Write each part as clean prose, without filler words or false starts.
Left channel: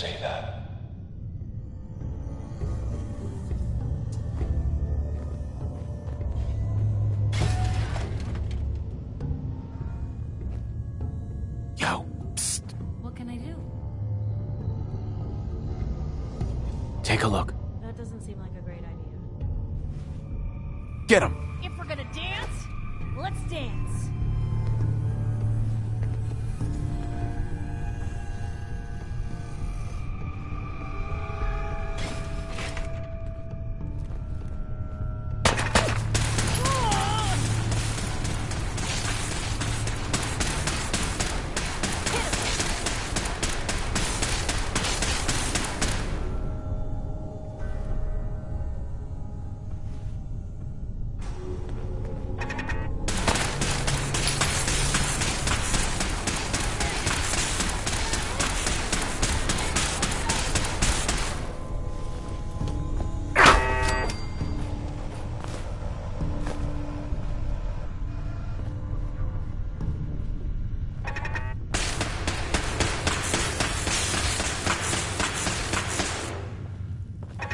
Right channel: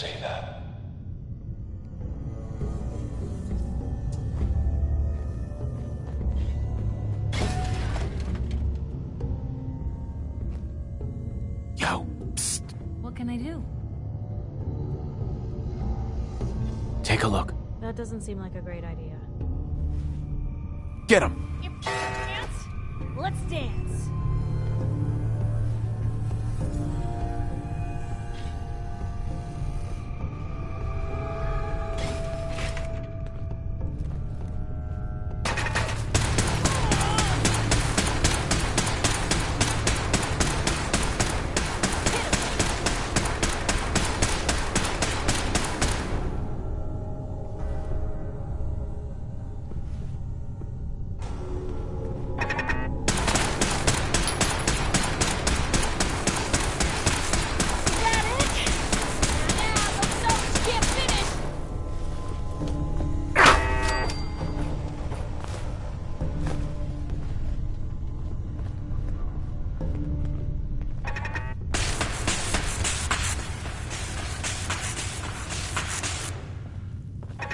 say that. Yo, psst. What can I do? Take a look. That doesn't seem like a great idea. Get him! If we're gonna dance, let's dance.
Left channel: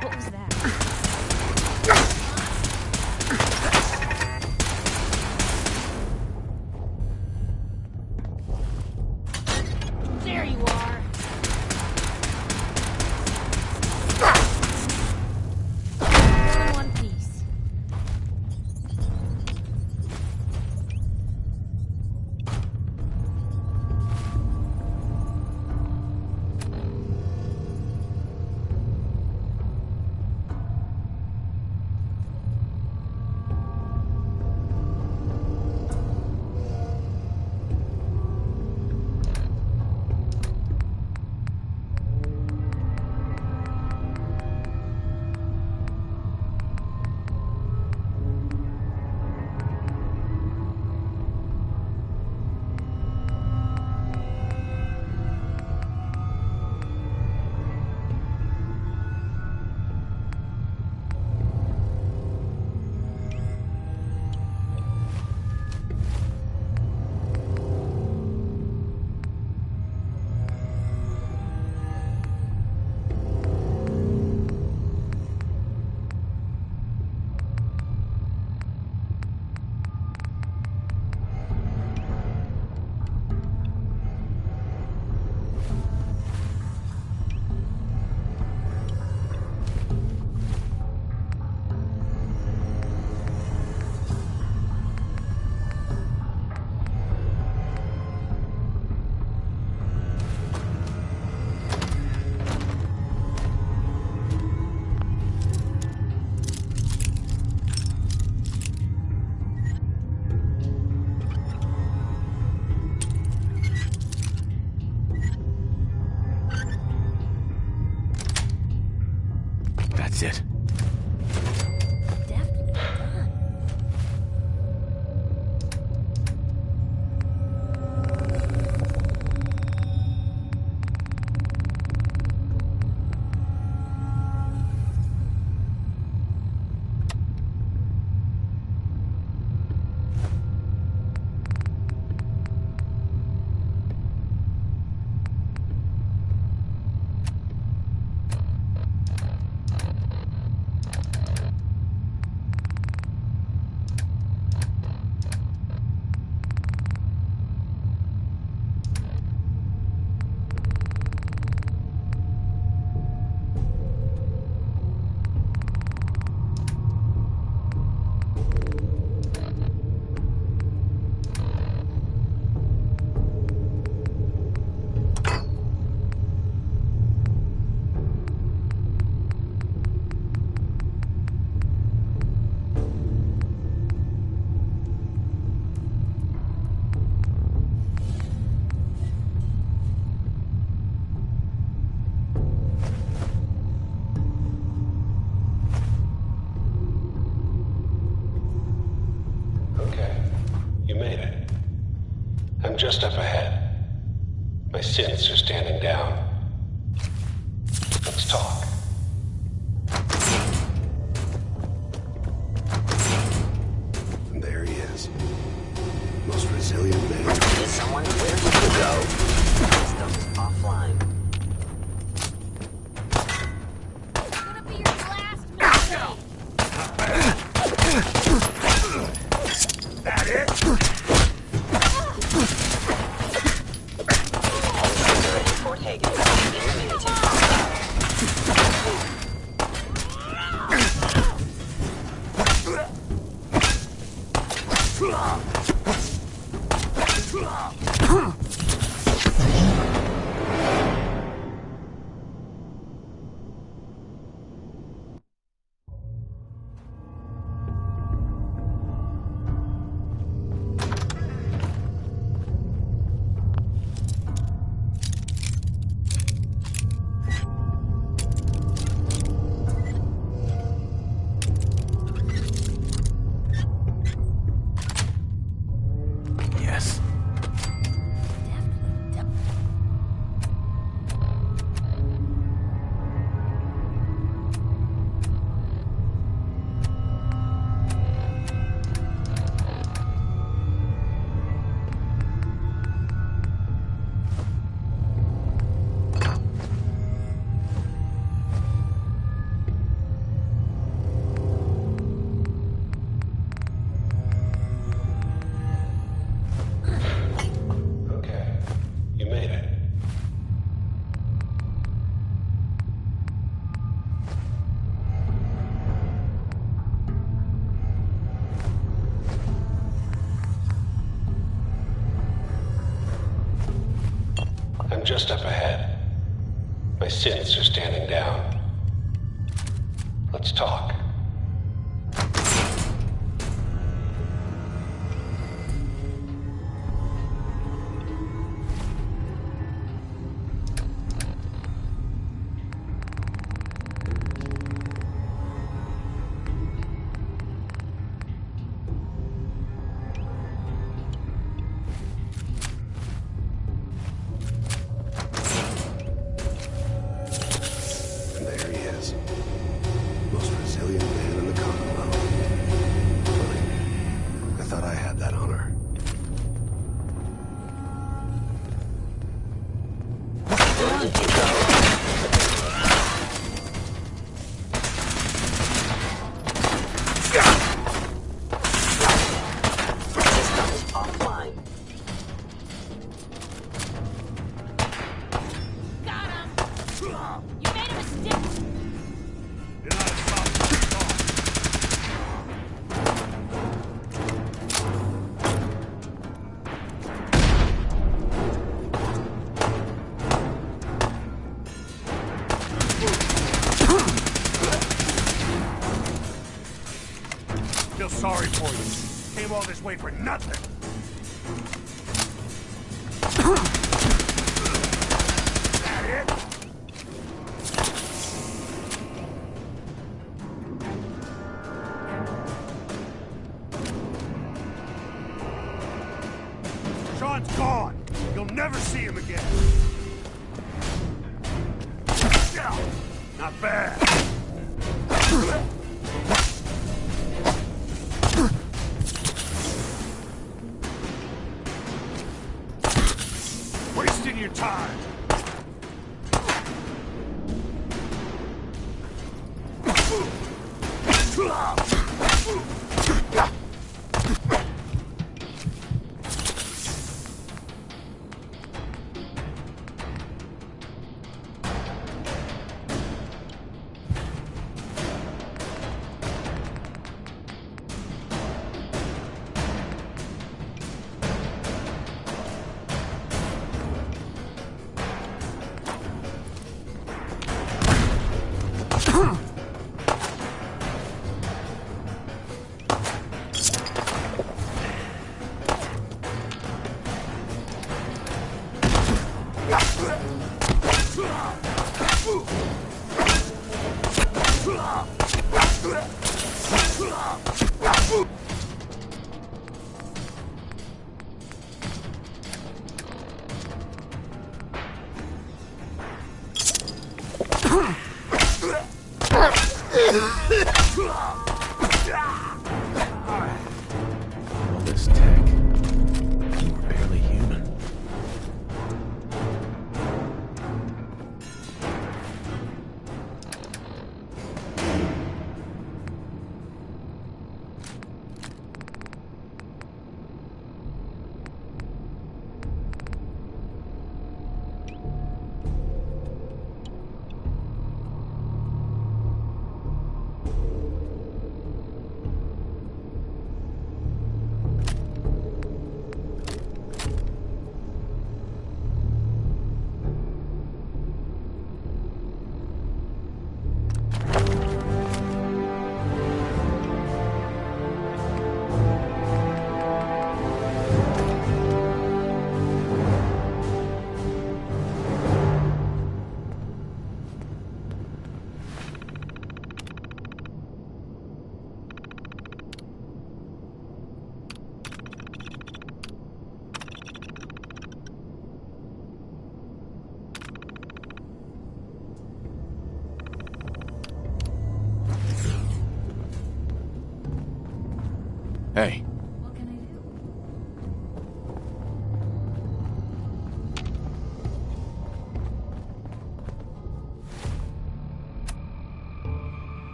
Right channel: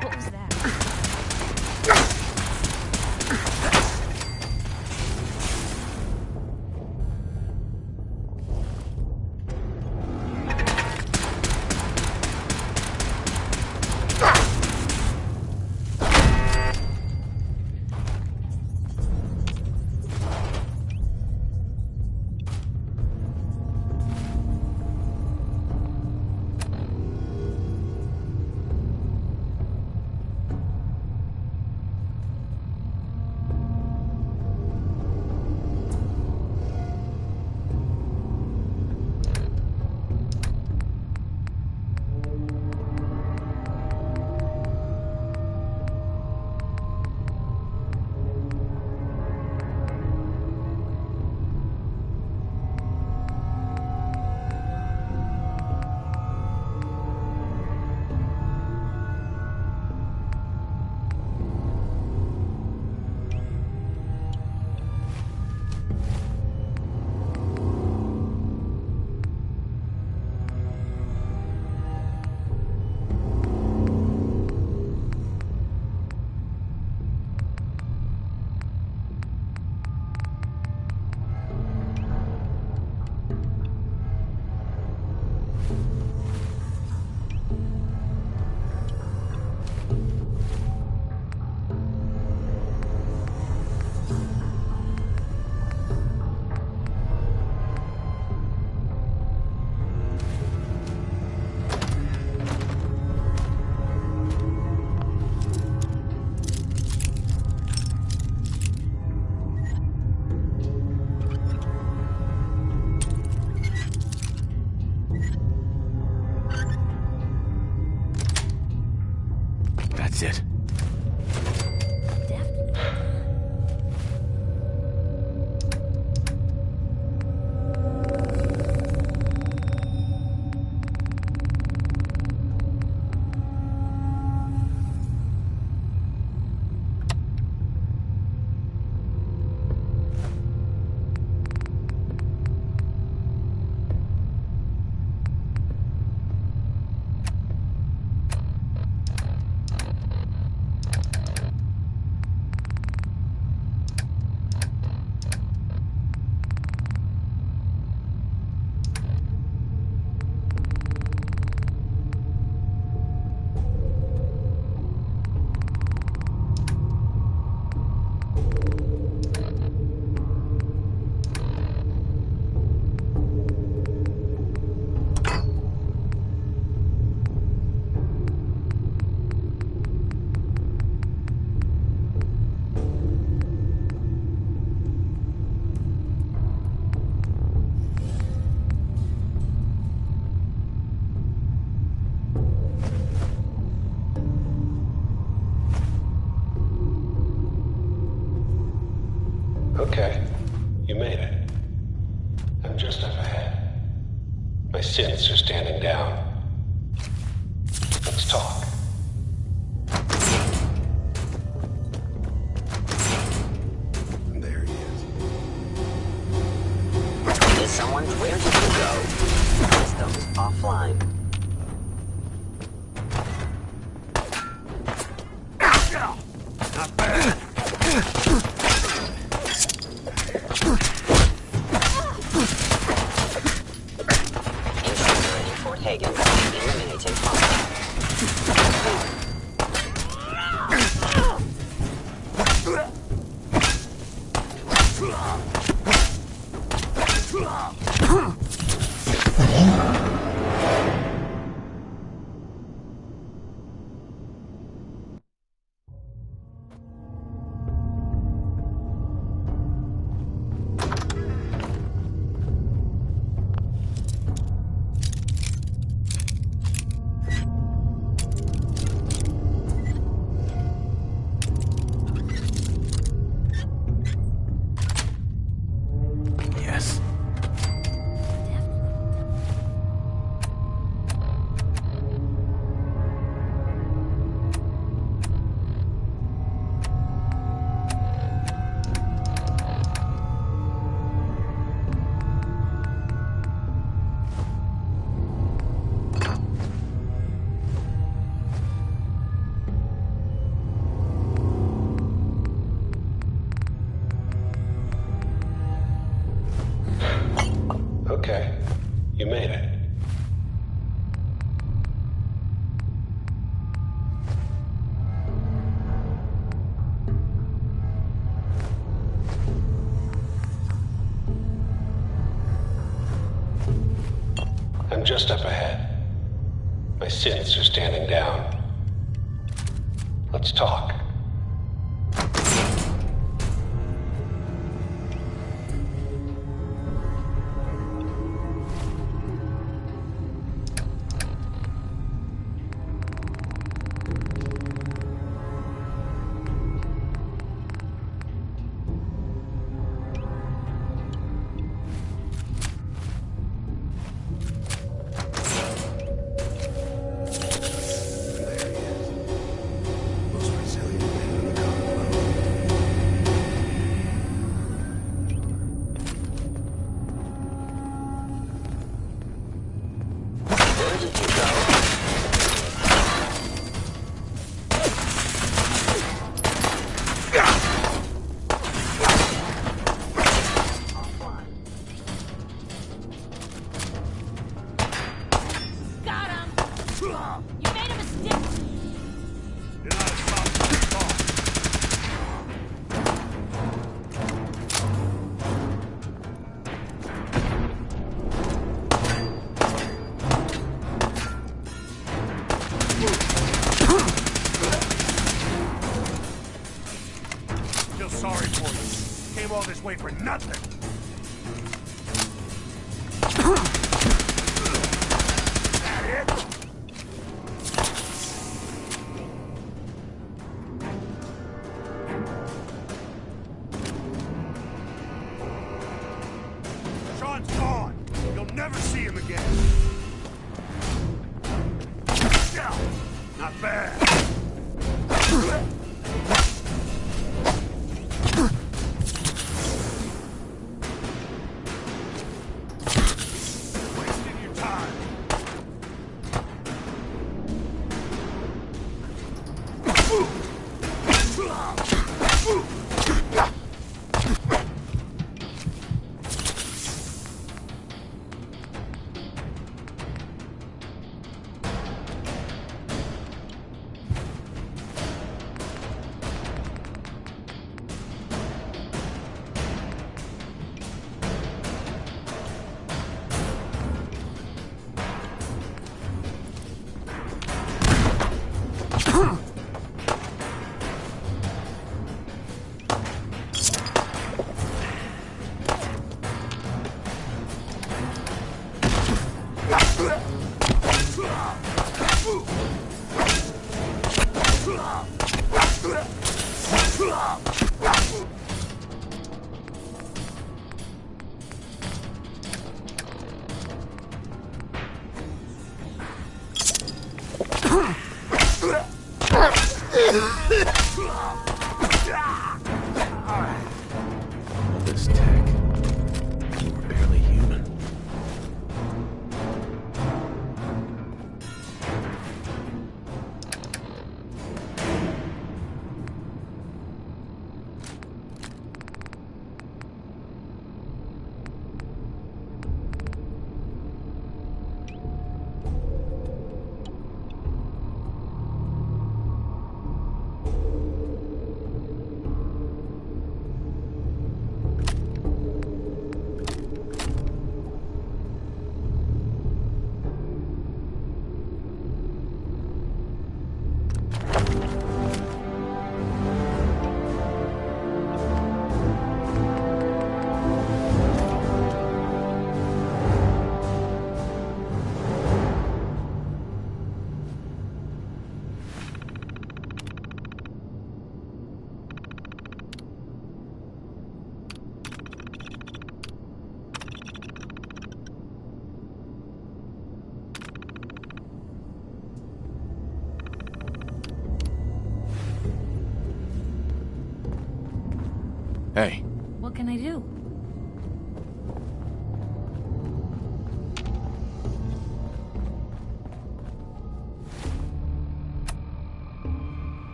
What was that? There you are. One piece. That's it. Definitely done. Okay, you made it. I'm just up ahead. My synths are standing down. Let's talk. And there he is. Most resilient man. Is someone where you can go? Systems offline. taken by the eliminating combat. Yes. Okay, you made it. I'm just up ahead. My synths are standing down. Let's talk. There he is. Most resilient man in the Commonwealth. I thought I had that honor. Where did you go? Offline. Got him! You made a mistake! Feel sorry for you. Came all this way for nothing. That it? Sean's gone. You'll never see him again. Yeah, not bad. Wasting your time. All this tech. You were barely human.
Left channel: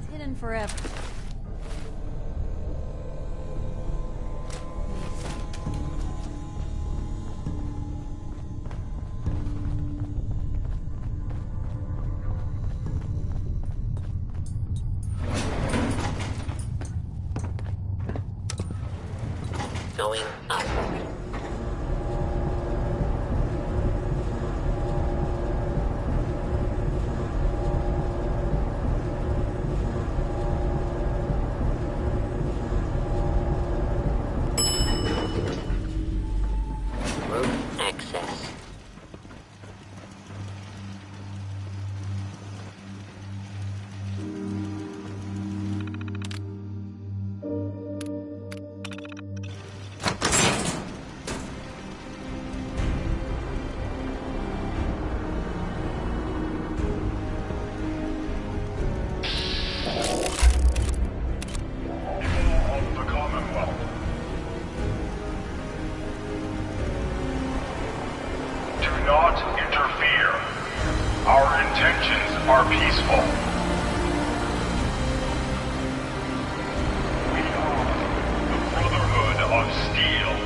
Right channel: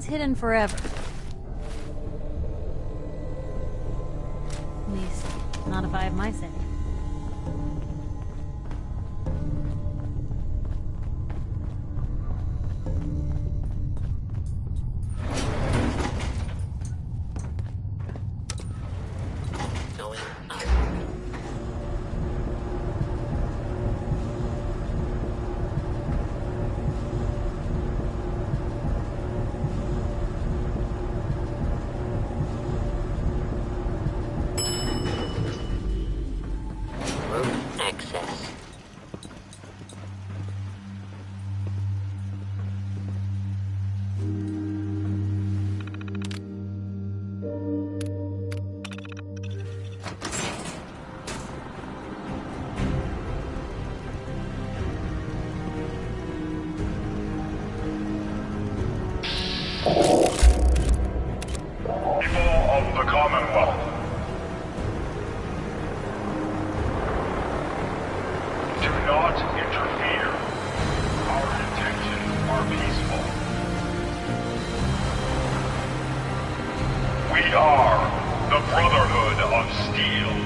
stays hidden forever. At least, not if I have my say. Going up. Rope access. People of the Commonwealth. Do not interfere. Our intentions are peaceful. We are the Brotherhood of Steel.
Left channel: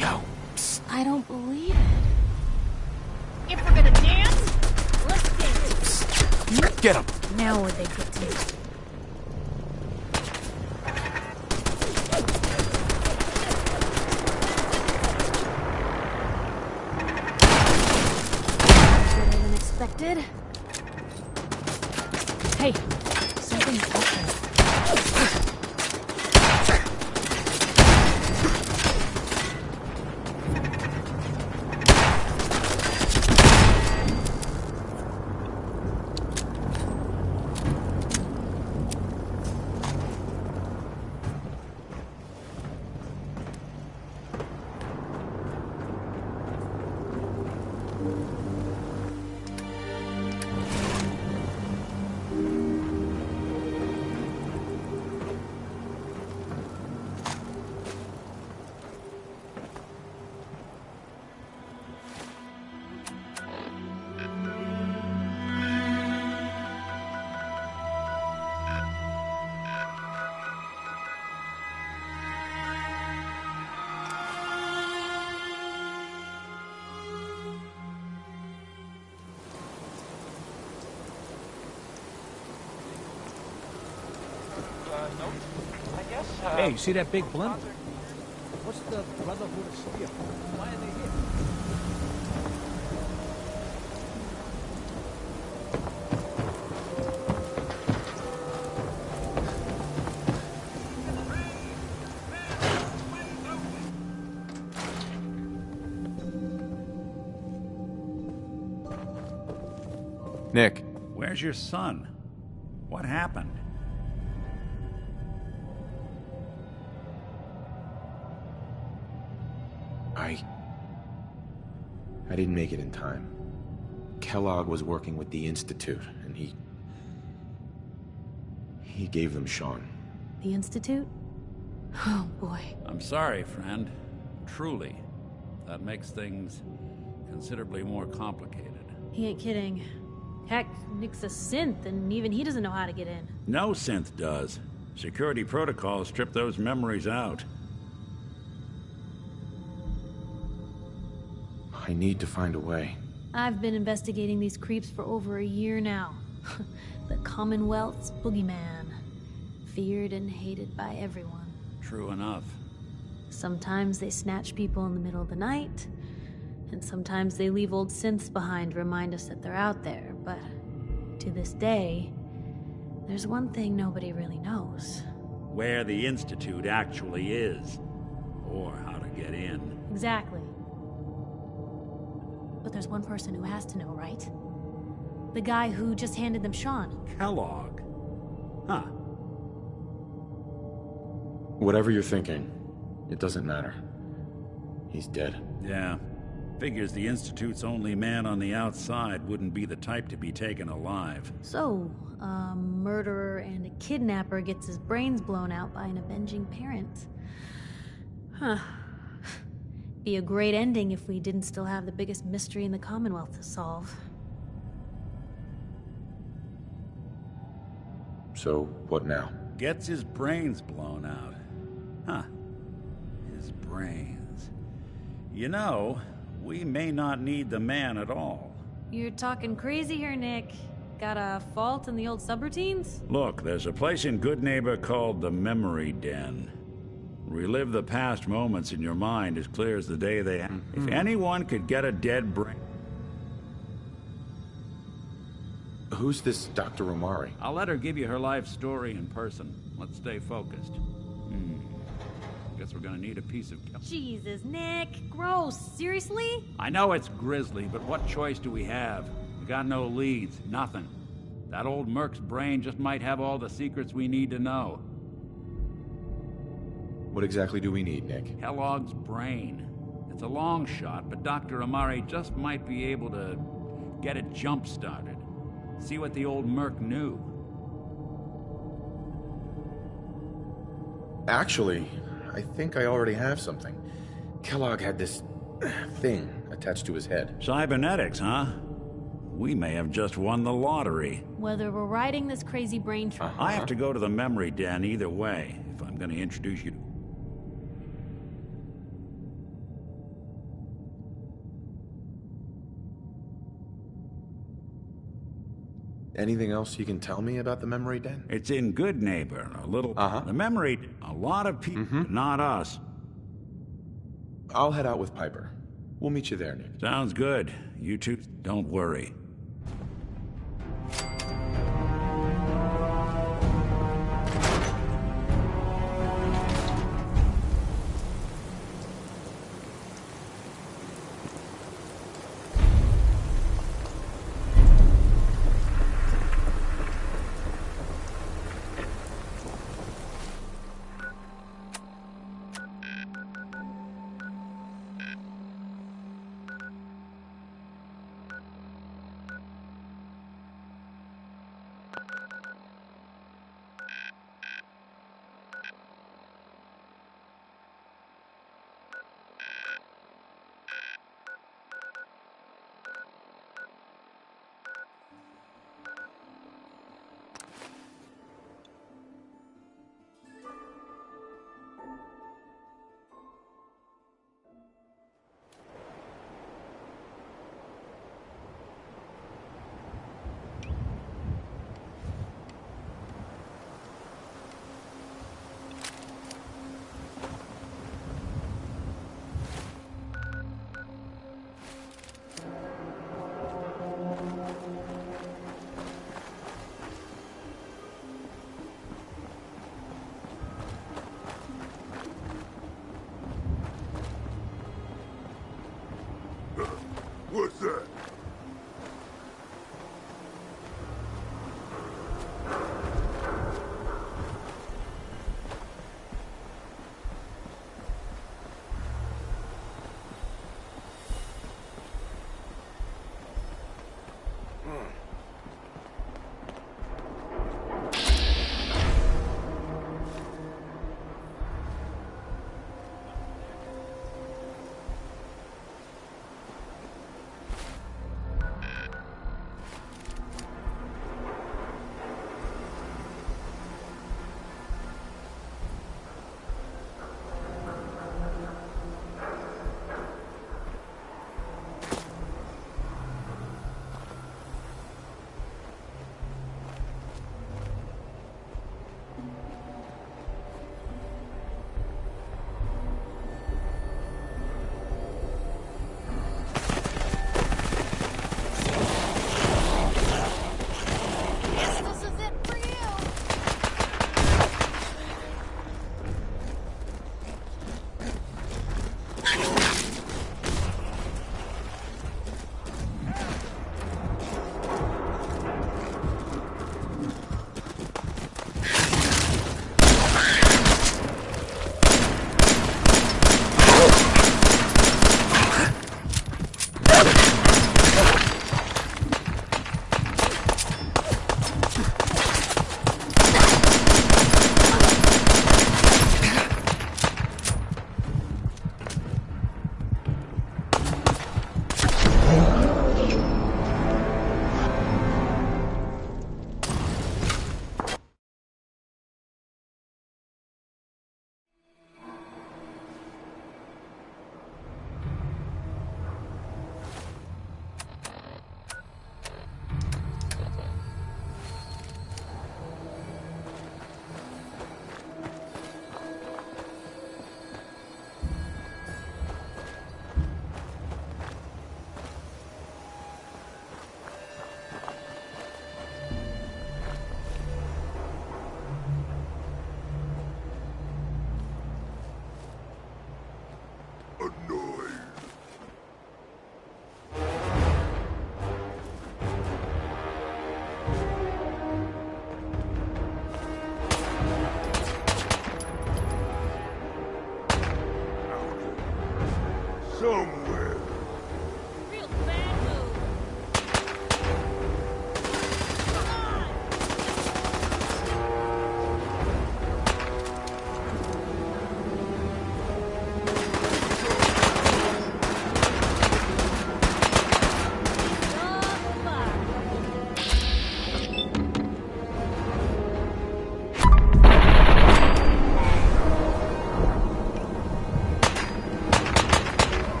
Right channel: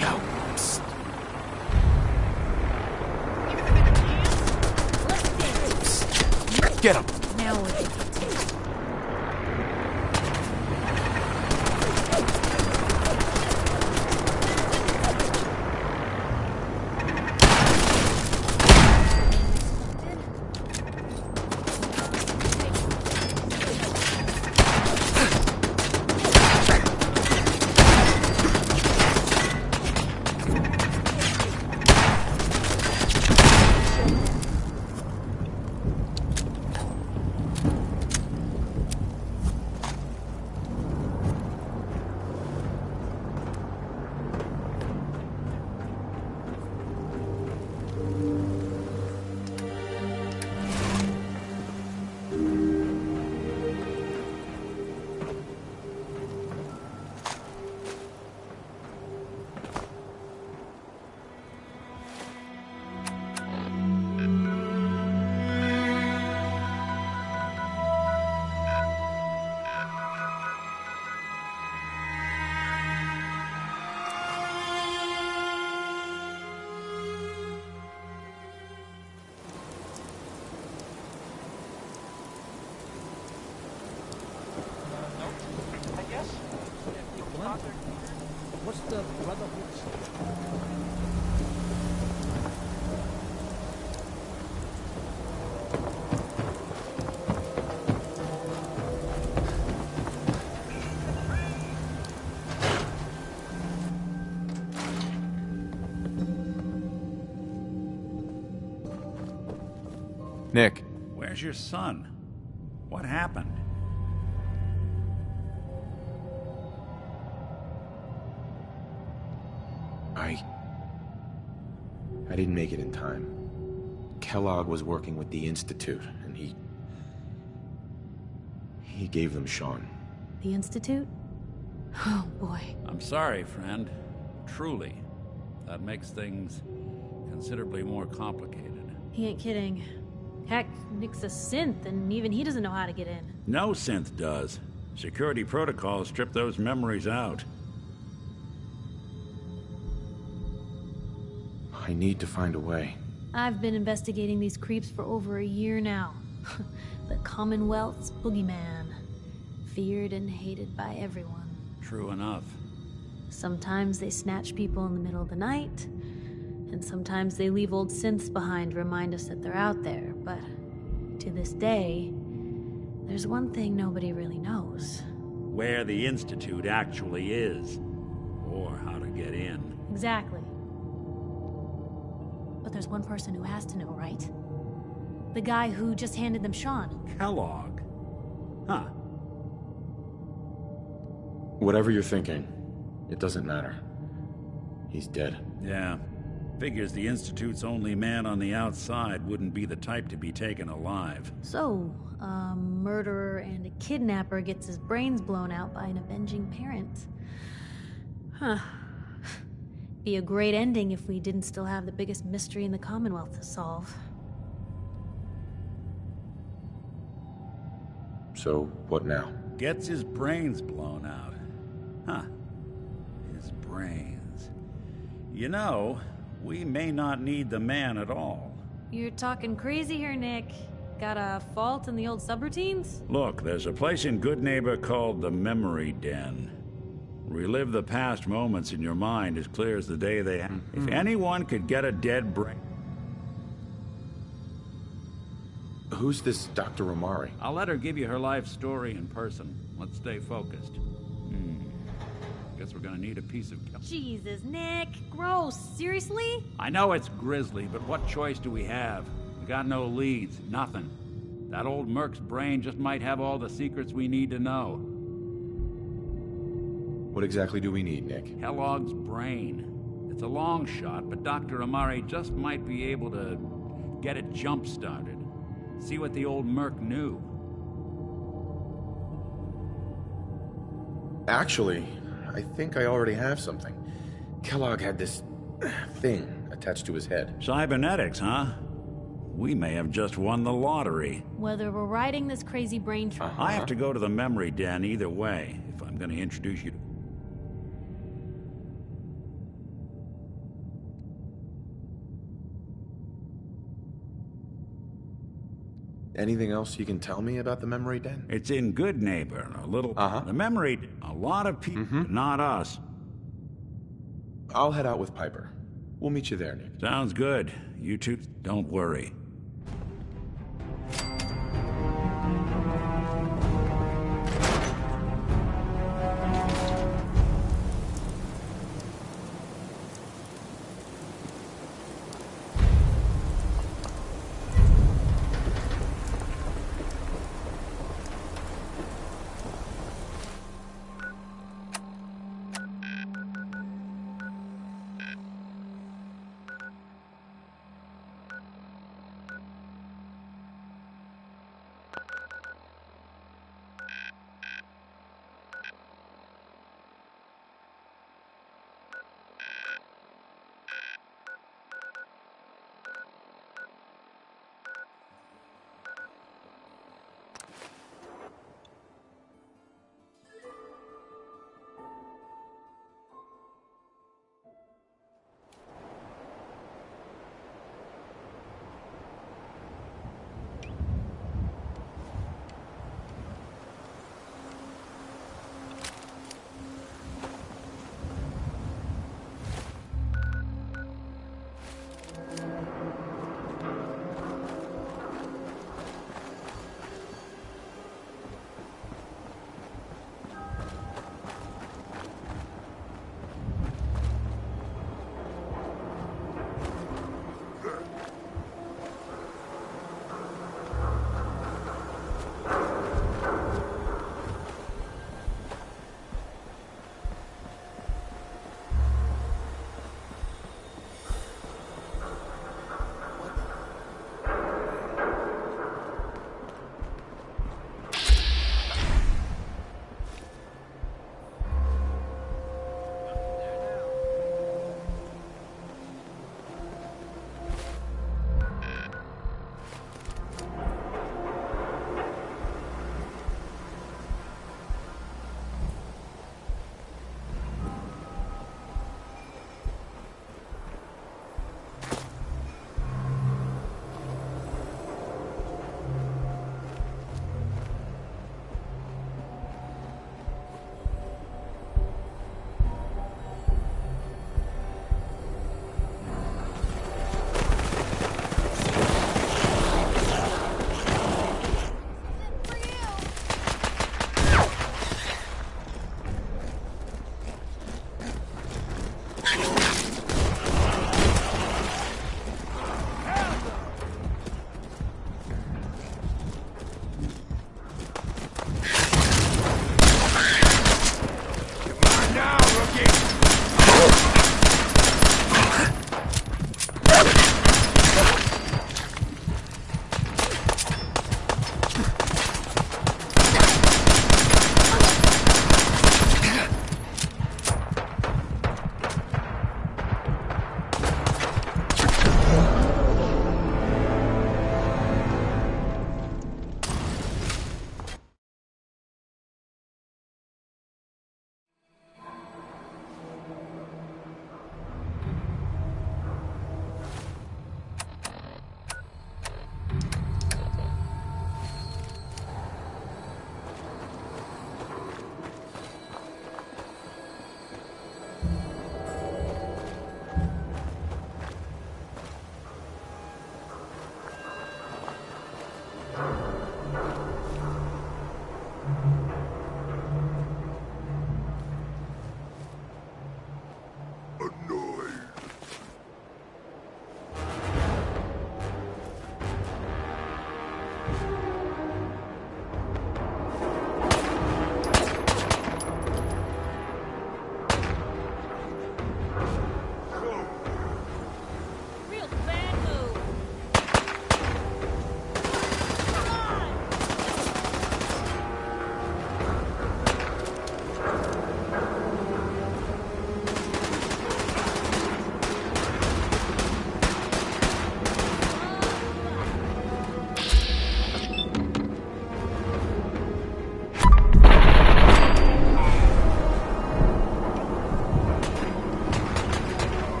Yo, I don't believe it. Give it a chance? Let's dance. get him! Now would they get to me? Unexpected. Hey, Hey, see that big blimp? What's the Brotherhood of Steel? Why are they here? Nick, Where's your son? What happened? I didn't make it in time. Kellogg was working with the Institute, and he gave them Sean. the Institute? Oh boy. I'm sorry, friend. Truly. That makes things considerably more complicated. He ain't kidding. Heck, Nick's a synth, and even he doesn't know how to get in. No synth does. Security protocols strip those memories out. I need to find a way. I've been investigating these creeps for over a year now. The Commonwealth's boogeyman. Feared and hated by everyone. True enough. Sometimes they snatch people in the middle of the night, and sometimes they leave old synths behind to remind us that they're out there, but to this day, there's one thing nobody really knows. Where the Institute actually is. Or how to get in. Exactly. But there's one person who has to know, right? The guy who just handed them Sean. Kellogg. Huh. Whatever you're thinking, it doesn't matter. He's dead. Yeah. Figures the Institute's only man on the outside wouldn't be the type to be taken alive. So, a murderer and a kidnapper gets his brains blown out by an avenging parent. Huh. Be a great ending if we didn't still have the biggest mystery in the Commonwealth to solve. So, what now? Gets his brains blown out. Huh. His brains. You know, we may not need the man at all. You're talking crazy here, Nick. Got a fault in the old subroutines? Look, there's a place in Good Neighbor called the Memory Den. Relive the past moments in your mind as clear as the day they happened. If anyone could get a dead brain... Who's this Dr. Omari? I'll let her give you her life story in person. Let's stay focused. Guess we're gonna need a piece of... Jesus, Nick. Gross. Seriously? I know it's grisly, but what choice do we have? We got no leads, nothing. That old Merc's brain just might have all the secrets we need to know. What exactly do we need, Nick? Kellogg's brain. It's a long shot, but Dr. Omari just might be able to get it jump-started. See what the old Merc knew. Actually, I think I already have something. Kellogg had this thing attached to his head. Cybernetics, huh? We may have just won the lottery. Whether we're riding this crazy brain train... I have to go to the memory den either way, if I'm gonna introduce you to... Anything else you can tell me about the memory den? It's in Good Neighbor, a little... The memory... A lot of people, not us. I'll head out with Piper. We'll meet you there, Nick. Sounds good. You two, don't worry.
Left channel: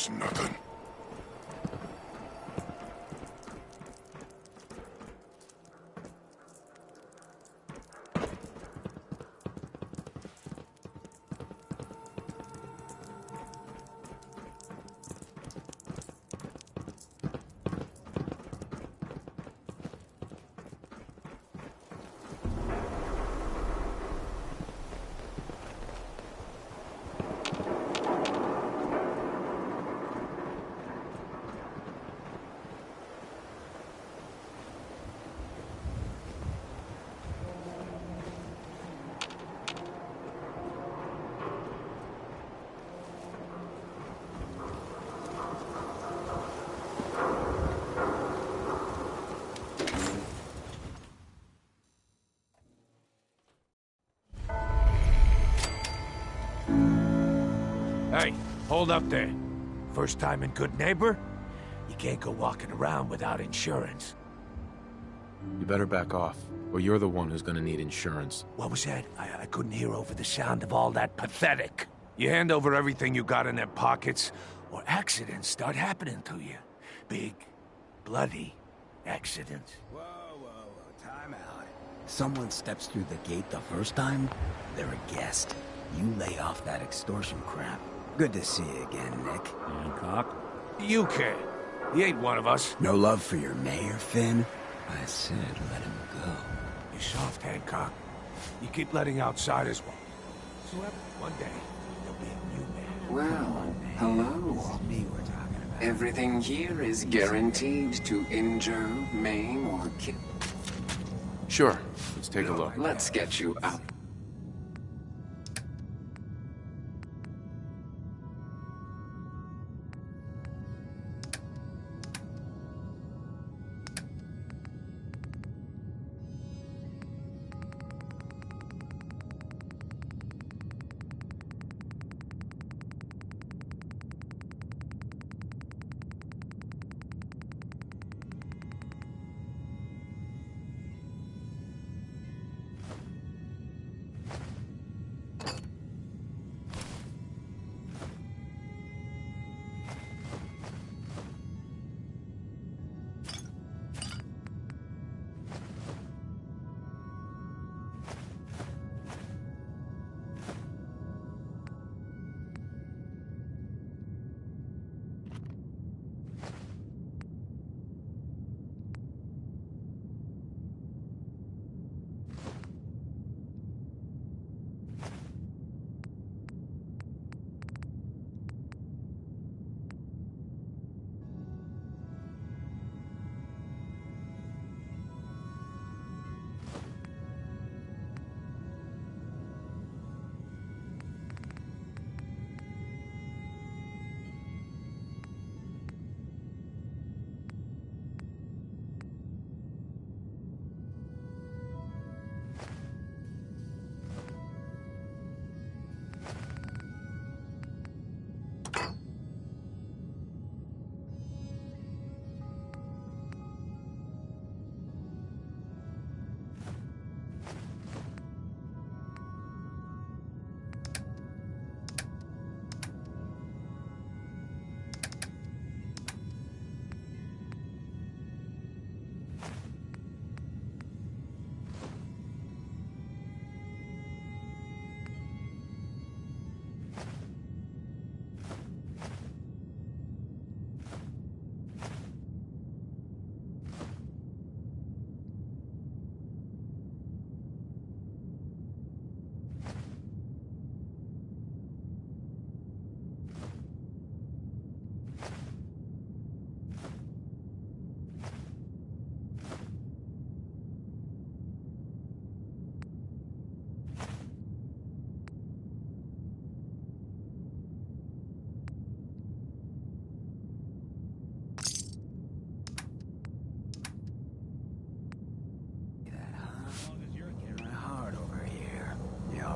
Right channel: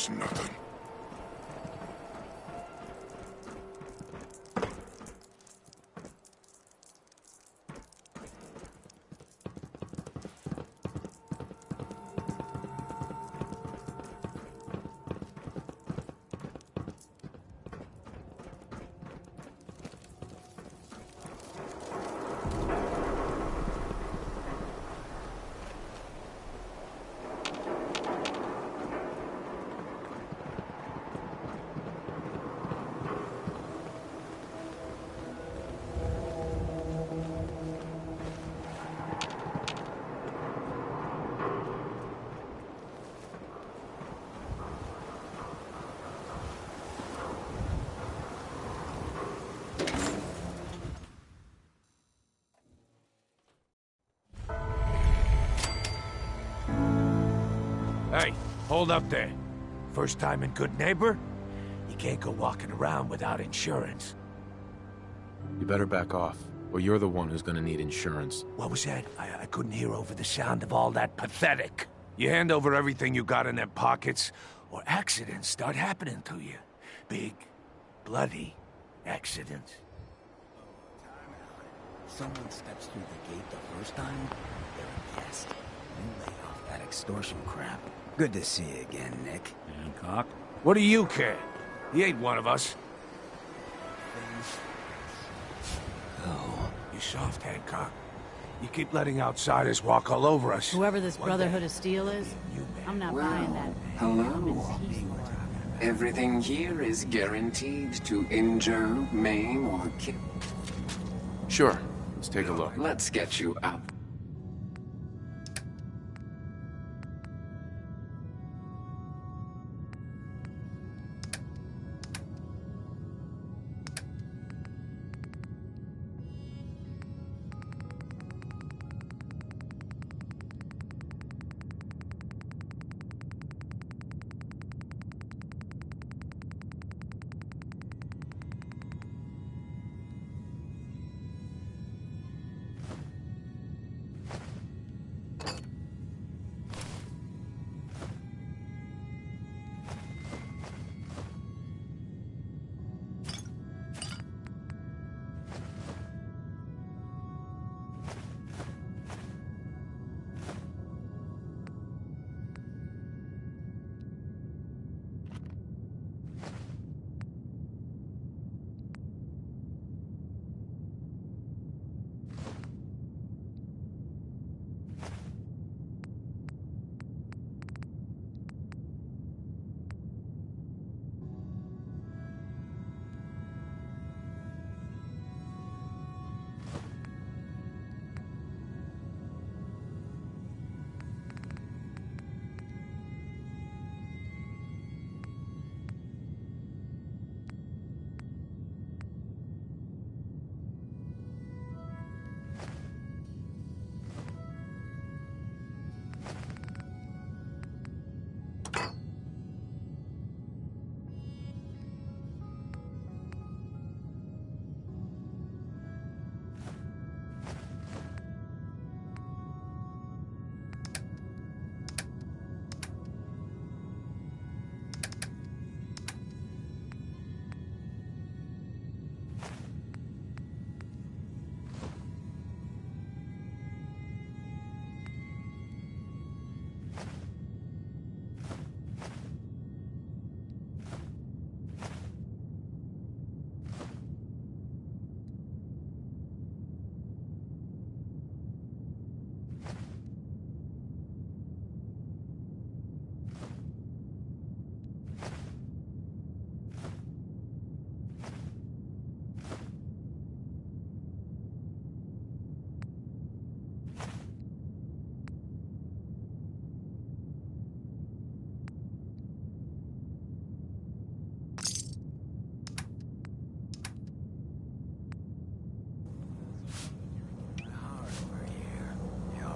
was nothing. Hey, hold up there. First time in Good Neighbor? You can't go walking around without insurance. You better back off, or you're the one who's gonna need insurance. What was that? I couldn't hear over the sound of all that pathetic. You hand over everything you got in them pockets, or accidents start happening to you. Big, bloody accidents. Whoa, time out. Someone steps through the gate the first time, they're a guest. You lay off that extortion crap. Good to see you again, Nick. Hancock? What do you care? He ain't one of us. No love for your mayor, Finn? I said let him go. You soft, Hancock. You keep letting outsiders walk all over us. Whoever this One Brotherhood day, of Steel is, you man. I'm not Well, buying hello. Me we're talking about. Everything here is guaranteed to injure, maim, or kill. Sure, let's take a look. Let's get you out.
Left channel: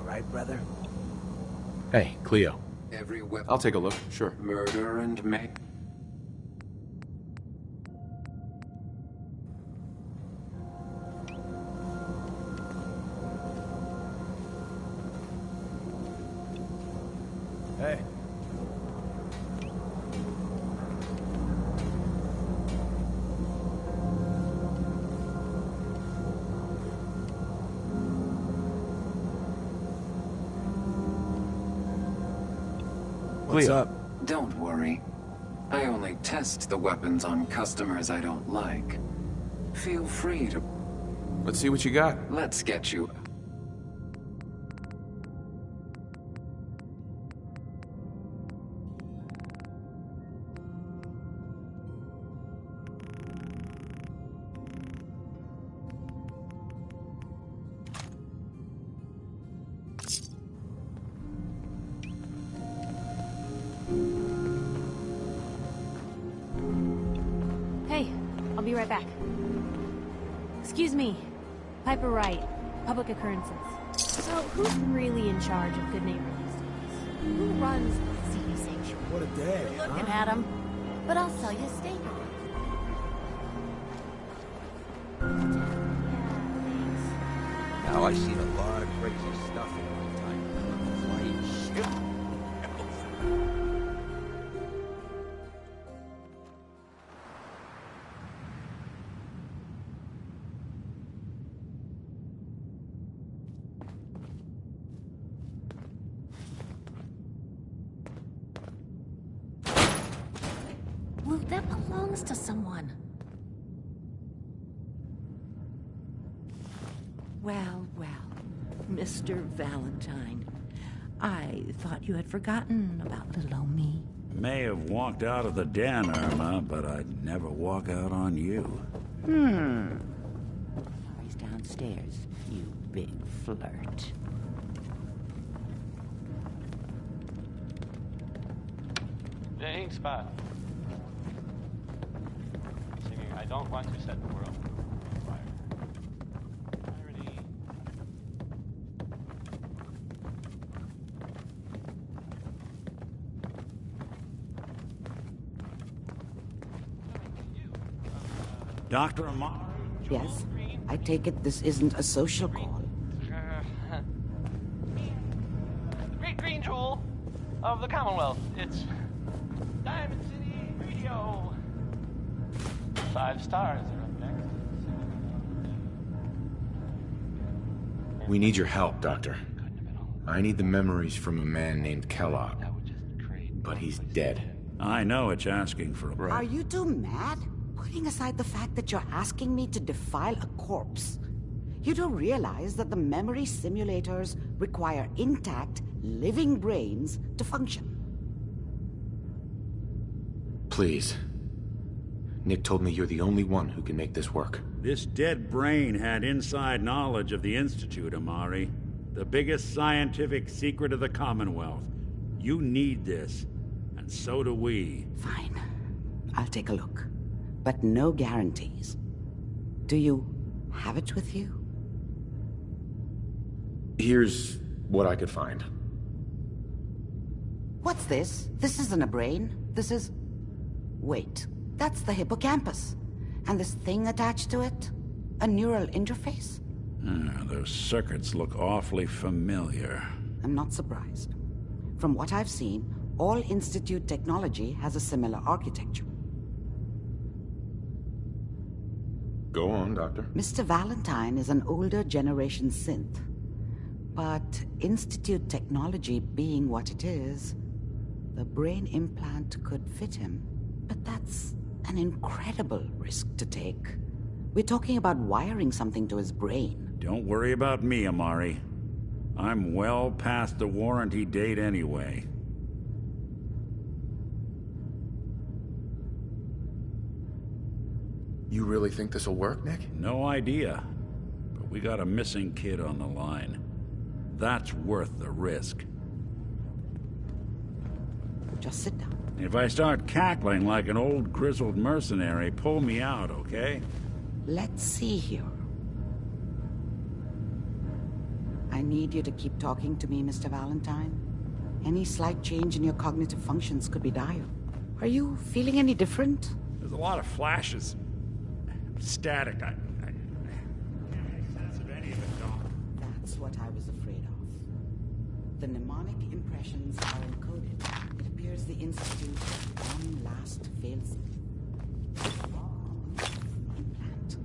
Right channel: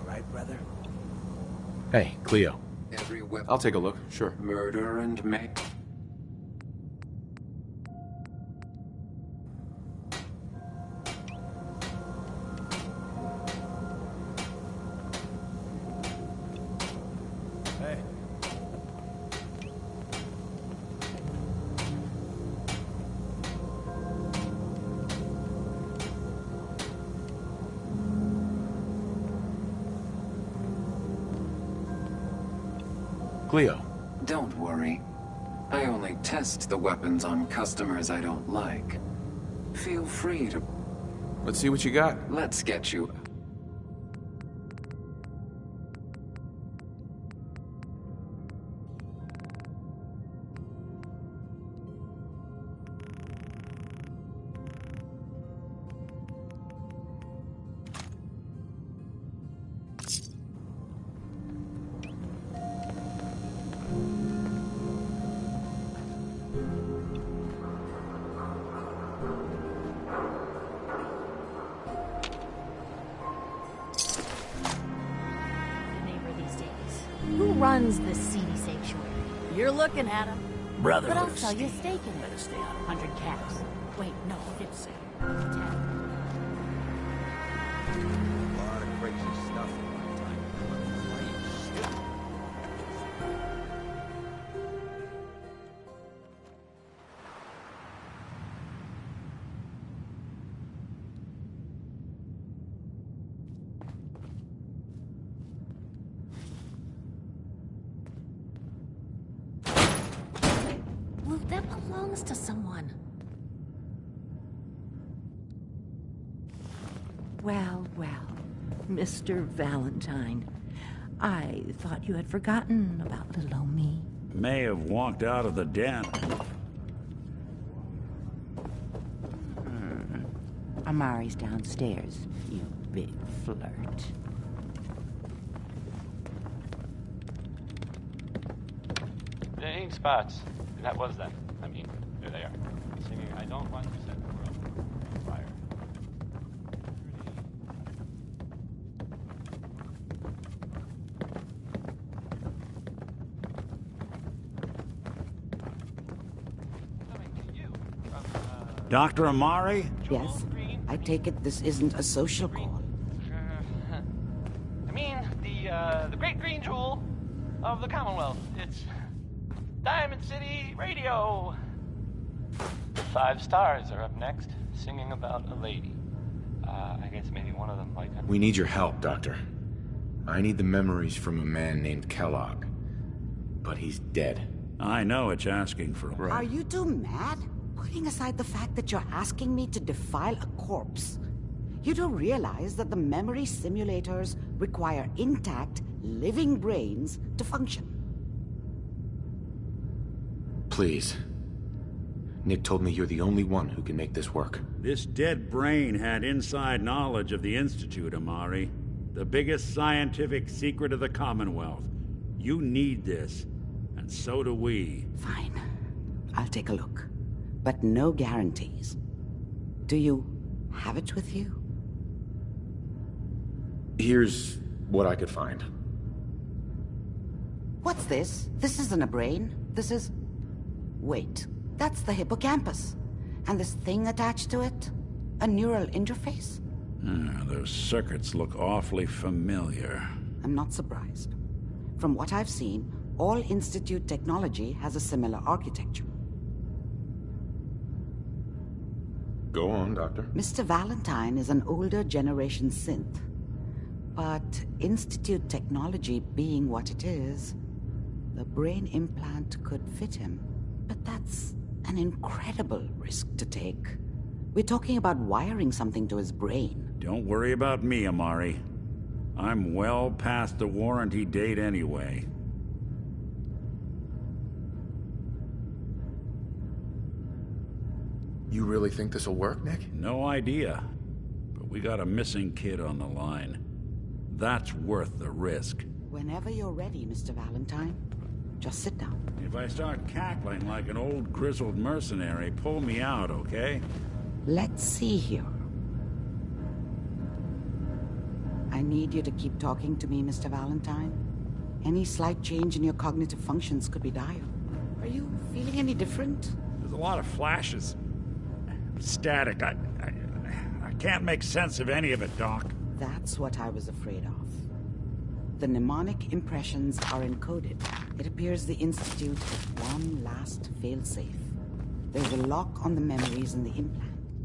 Right, brother? Hey, Cleo. Every weapon. I'll take a look, sure. Murder and maim. Hey. Cleo. Don't worry. I only test the weapons on customers I don't like. Feel free to... Let's see what you got. Let's get you... Hey, I'll be right back. Excuse me. Piper Wright, Public Occurrences. So, who's really in charge of Good Neighbor these days? Who runs this seedy sanctuary? You're looking at him. Brother. But I'll sell you a steak in it. 100 caps. Wait, no, 50. 10. Now, I've seen a lot of crazy stuff in my time. But flying ship? Well, that belongs to someone. Well, well, Mr. Valentine. I thought you had forgotten about little old me. May have walked out of the den, Irma, but I'd never walk out on you. Amari's downstairs, you big flirt. The ink spots. That was that. I mean, there they are. Singing, I don't want to set the world on fire. Irony. Coming to you from, Dr. Amari? Yes? I take it this isn't a social call. I mean, the great green jewel of the Commonwealth. It's Diamond City Radio. 5 stars are up next, singing about a lady. I guess maybe one of them might... We need your help, Doctor. I need the memories from a man named Kellogg. But he's dead. I know it's asking for a... Are you two mad? Putting aside the fact that you're asking me to defile a corpse, you do realize that the memory simulators require intact, living brains to function. Please. Nick told me you're the only one who can make this work. This dead brain had inside knowledge of the Institute, Amari. The biggest scientific secret of the Commonwealth. You need this, and so do we. Fine. I'll take a look. But no guarantees. Do you have it with you? Here's what I could find. What's this? This isn't a brain. This is... Wait, that's the hippocampus. And this thing attached to it? A neural interface? Those circuits look awfully familiar. I'm not surprised. From what I've seen, all Institute technology has a similar architecture. Go on, Doctor. Mr. Valentine is an older generation synth. But Institute technology being what it is, the brain implant could fit him. But that's an incredible risk to take. We're talking about wiring something to his brain. Don't worry about me, Amari. I'm well past the warranty date anyway. You really think this'll work, Nick? No idea. But we got a missing kid on the line. That's worth the risk. Whenever you're ready, Mr. Valentine. Just sit down. If I start cackling like an old grizzled mercenary, pull me out, okay? Let's see here. I need you to keep talking to me, Mr. Valentine. Any slight change in your cognitive functions could be dire. Are you feeling any different? There's a lot of flashes. Static. I can't make sense of any of it, Doc. That's what I was afraid of. The mnemonic impressions are encoded. It appears the Institute has one last failsafe. There's a lock on the memories in the implant.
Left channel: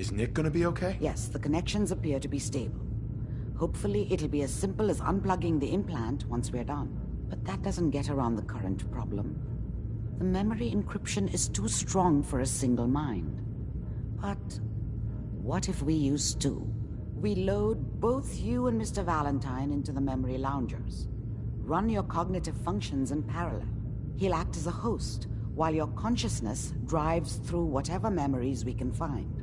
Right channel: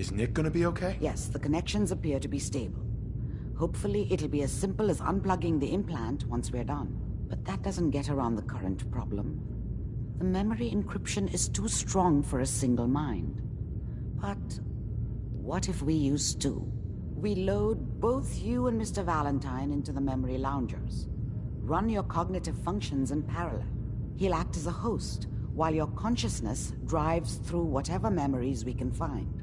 Is Nick gonna be okay? Yes, the connections appear to be stable. Hopefully, it'll be as simple as unplugging the implant once we're done. But that doesn't get around the current problem. The memory encryption is too strong for a single mind. But what if we use two? We load both you and Mr. Valentine into the memory loungers. Run your cognitive functions in parallel. He'll act as a host, while your consciousness drives through whatever memories we can find.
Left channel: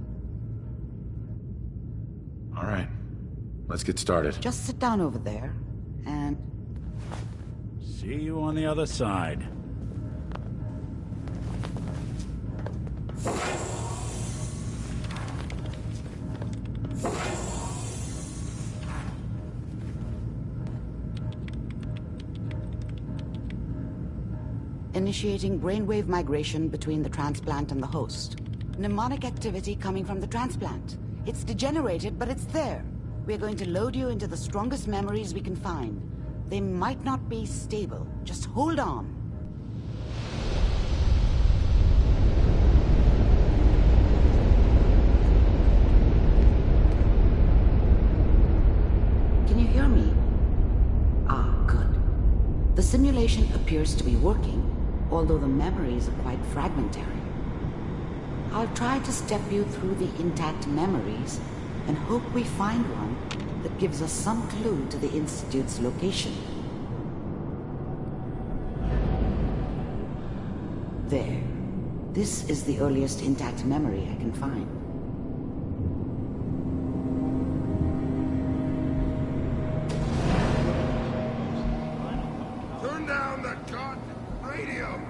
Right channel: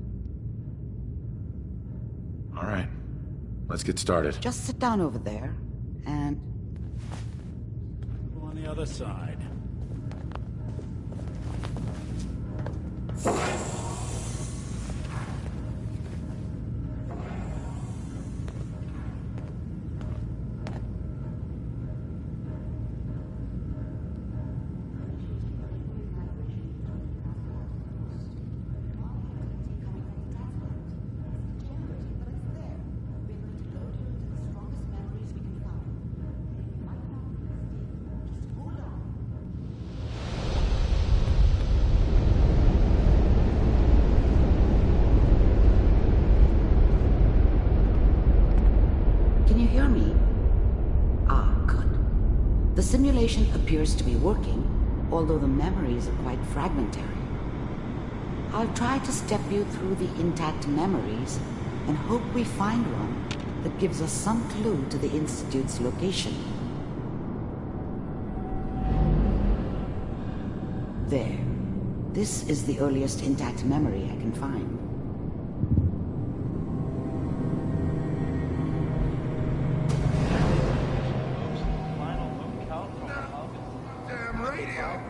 All right. Let's get started. Just sit down over there, and... See you on the other side. Initiating brainwave migration between the transplant and the host. Mnemonic activity coming from the transplant. It's degenerated, but it's there. We're going to load you into the strongest memories we can find. They might not be stable. Just hold on. Can you hear me? Ah, good. The simulation appears to be working, although the memories are quite fragmentary. I'll try to step you through the intact memories and hope we find one that gives us some clue to the Institute's location. There. This is the earliest intact memory I can find. Turn down the goddamn radio.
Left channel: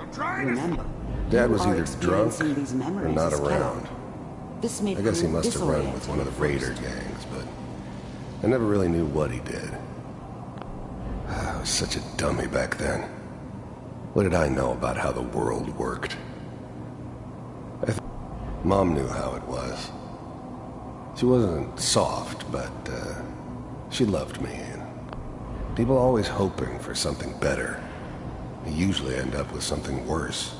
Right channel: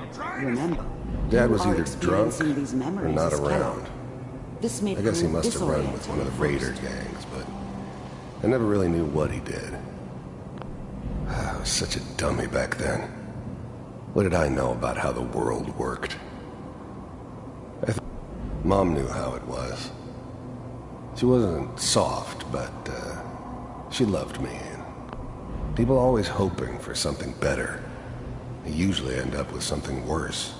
I'm trying Remember, Dad was you are either drunk experiencing these or memories not as around. Kellogg. This may I guess he prove must have run disorienting with one of the at raider first. gangs, but I never really knew what he did. I was such a dummy back then. What did I know about how the world worked? Mom knew how it was. She wasn't soft, but she loved me. And people always hoping for something better. They usually end up with something worse.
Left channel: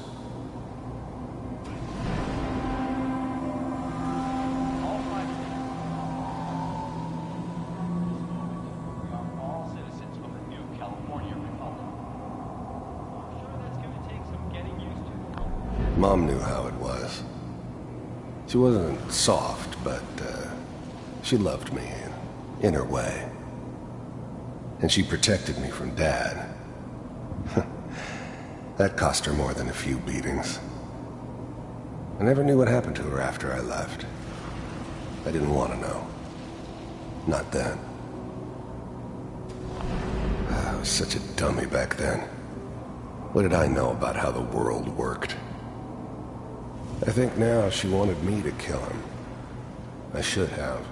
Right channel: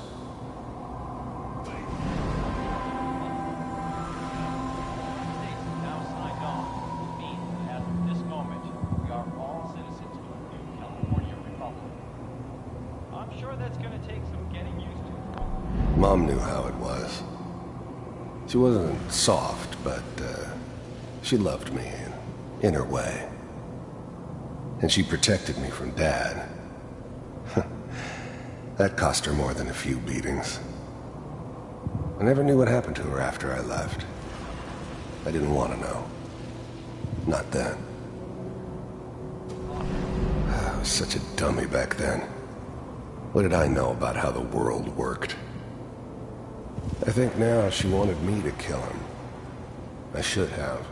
Mom knew how it was. She wasn't soft, but she loved me in her way. And she protected me from Dad. That cost her more than a few beatings. I never knew what happened to her after I left. I didn't want to know. Not then. I was such a dummy back then. What did I know about how the world worked? I think now she wanted me to kill him. I should have.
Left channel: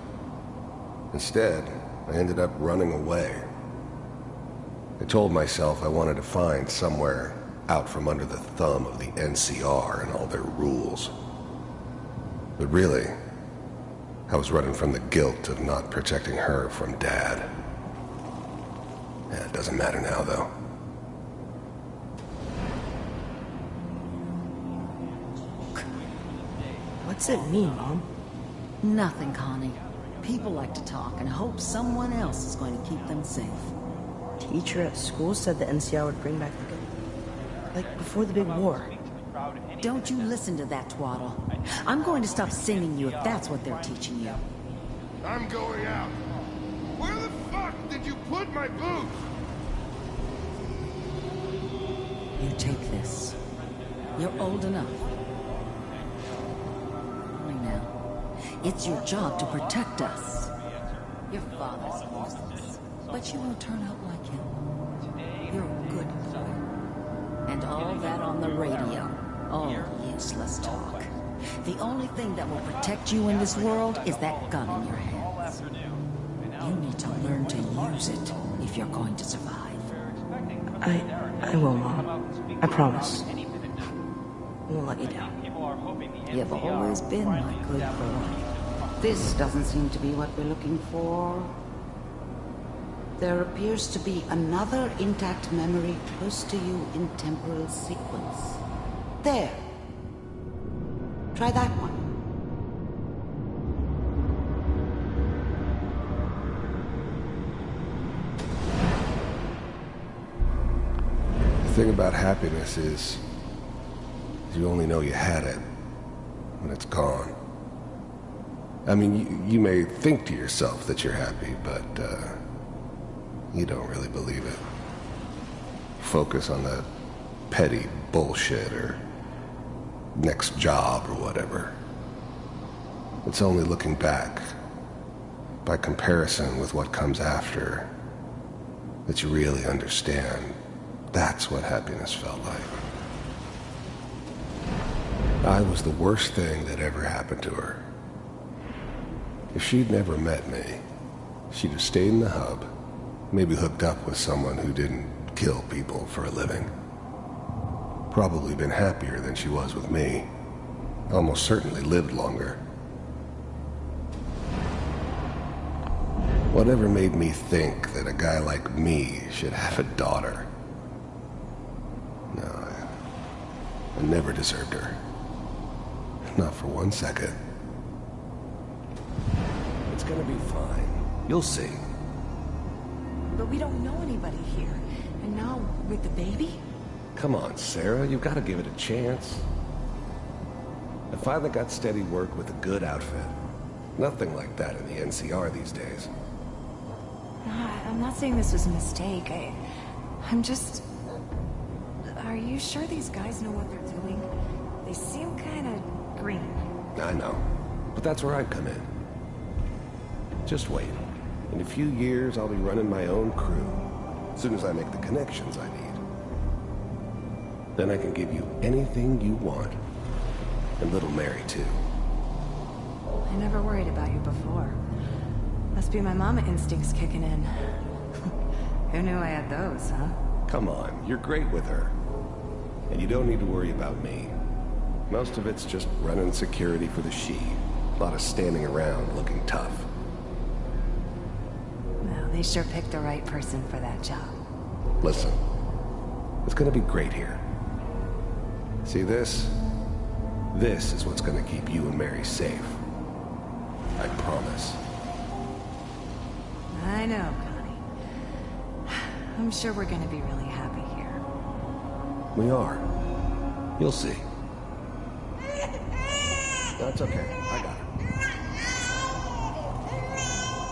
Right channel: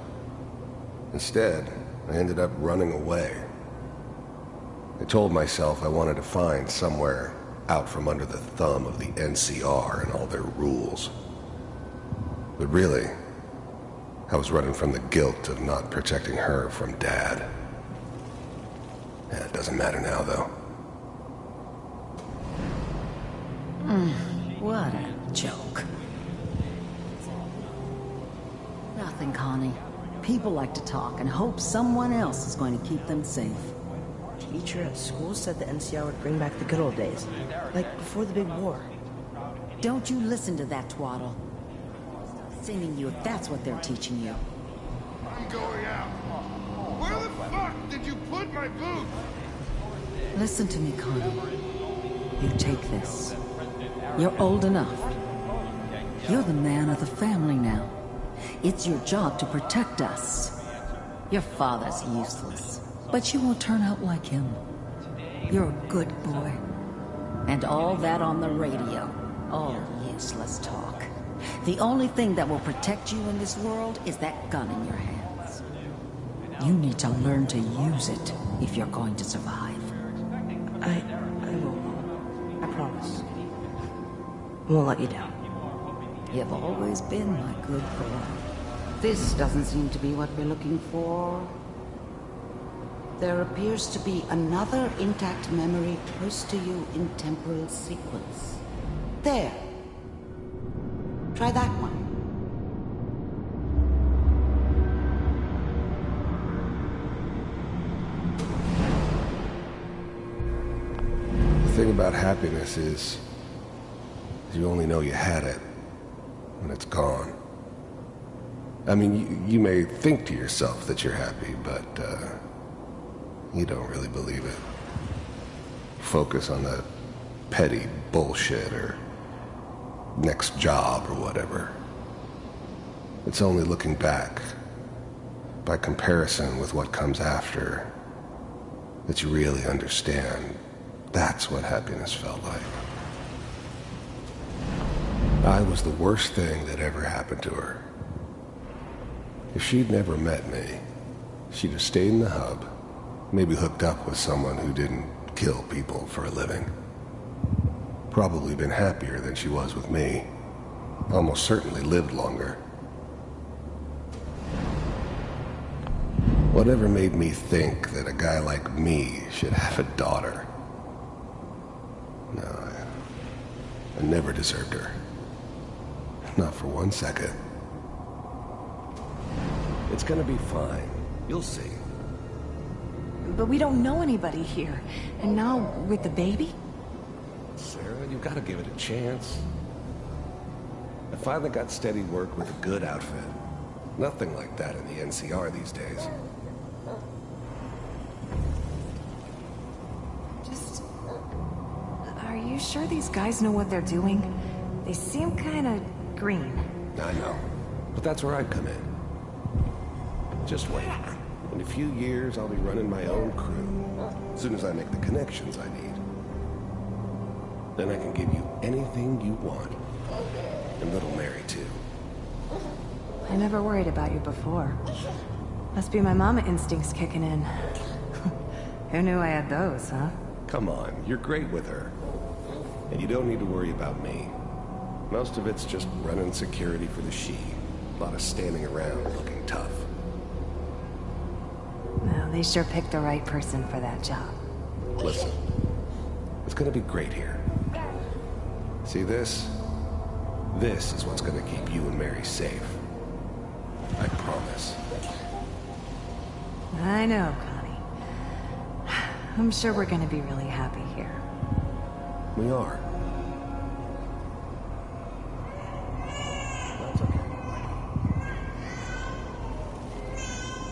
Instead, I ended up running away. I told myself I wanted to find somewhere out from under the thumb of the NCR and all their rules. But really, I was running from the guilt of not protecting her from Dad. Yeah, it doesn't matter now, though. What a joke. What's it mean, Mom? Nothing, Connie. People like to talk and hope someone else is going to keep them safe. Teacher at school said the NCR would bring back the good old days. Like before the big war. Don't you listen to that twaddle. I'm going to stop singing you if that's what they're teaching you. I'm going out. Where the fuck did you put my boots? Listen to me, Connie. You take this. You're old enough. You're the man of the family now. It's your job to protect us. Your father's useless, but you won't turn out like him. You're a good boy. And all that on the radio, all useless talk. The only thing that will protect you in this world is that gun in your hands. You need to learn to use it if you're going to survive. I will, Mom. I promise. I won't let you down. You've always been my good boy. This doesn't seem to be what we're looking for. There appears to be another intact memory close to you in temporal sequence. There. Try that one. thing about happiness is you only know you had it when it's gone. I mean, you may think to yourself that you're happy, but you don't really believe it. Focus on the petty bullshit or next job or whatever. It's only looking back, by comparison with what comes after, that you really understand that's what happiness felt like. I was the worst thing that ever happened to her. If she'd never met me, she'd have stayed in the hub, maybe hooked up with someone who didn't kill people for a living. Probably been happier than she was with me. Almost certainly lived longer. Whatever made me think that a guy like me should have a daughter? No, I never deserved her. Not for 1 second. It's gonna be fine. You'll see. But we don't know anybody here. And now, with the baby? Come on, Sarah. You've got to give it a chance. I finally got steady work with a good outfit. Nothing like that in the NCR these days. I'm not saying this was a mistake. I'm just... Are you sure these guys know what they're doing? They seem kinda green. I know. But that's where I come in. Just wait. In a few years, I'll be running my own crew. As soon as I make the connections I need. Then I can give you anything you want. And little Mary, too. I never worried about you before. Must be my mama instincts kicking in. Who knew I had those, huh? Come on, you're great with her. And you don't need to worry about me. Most of it's just running security for the she. A lot of standing around looking tough. Well, they sure picked the right person for that job. Listen, it's gonna be great here. See this? This is what's gonna keep you and Mary safe. I promise. I know, Connie. I'm sure we're gonna be really happy here. We are. You'll see. That's okay. I got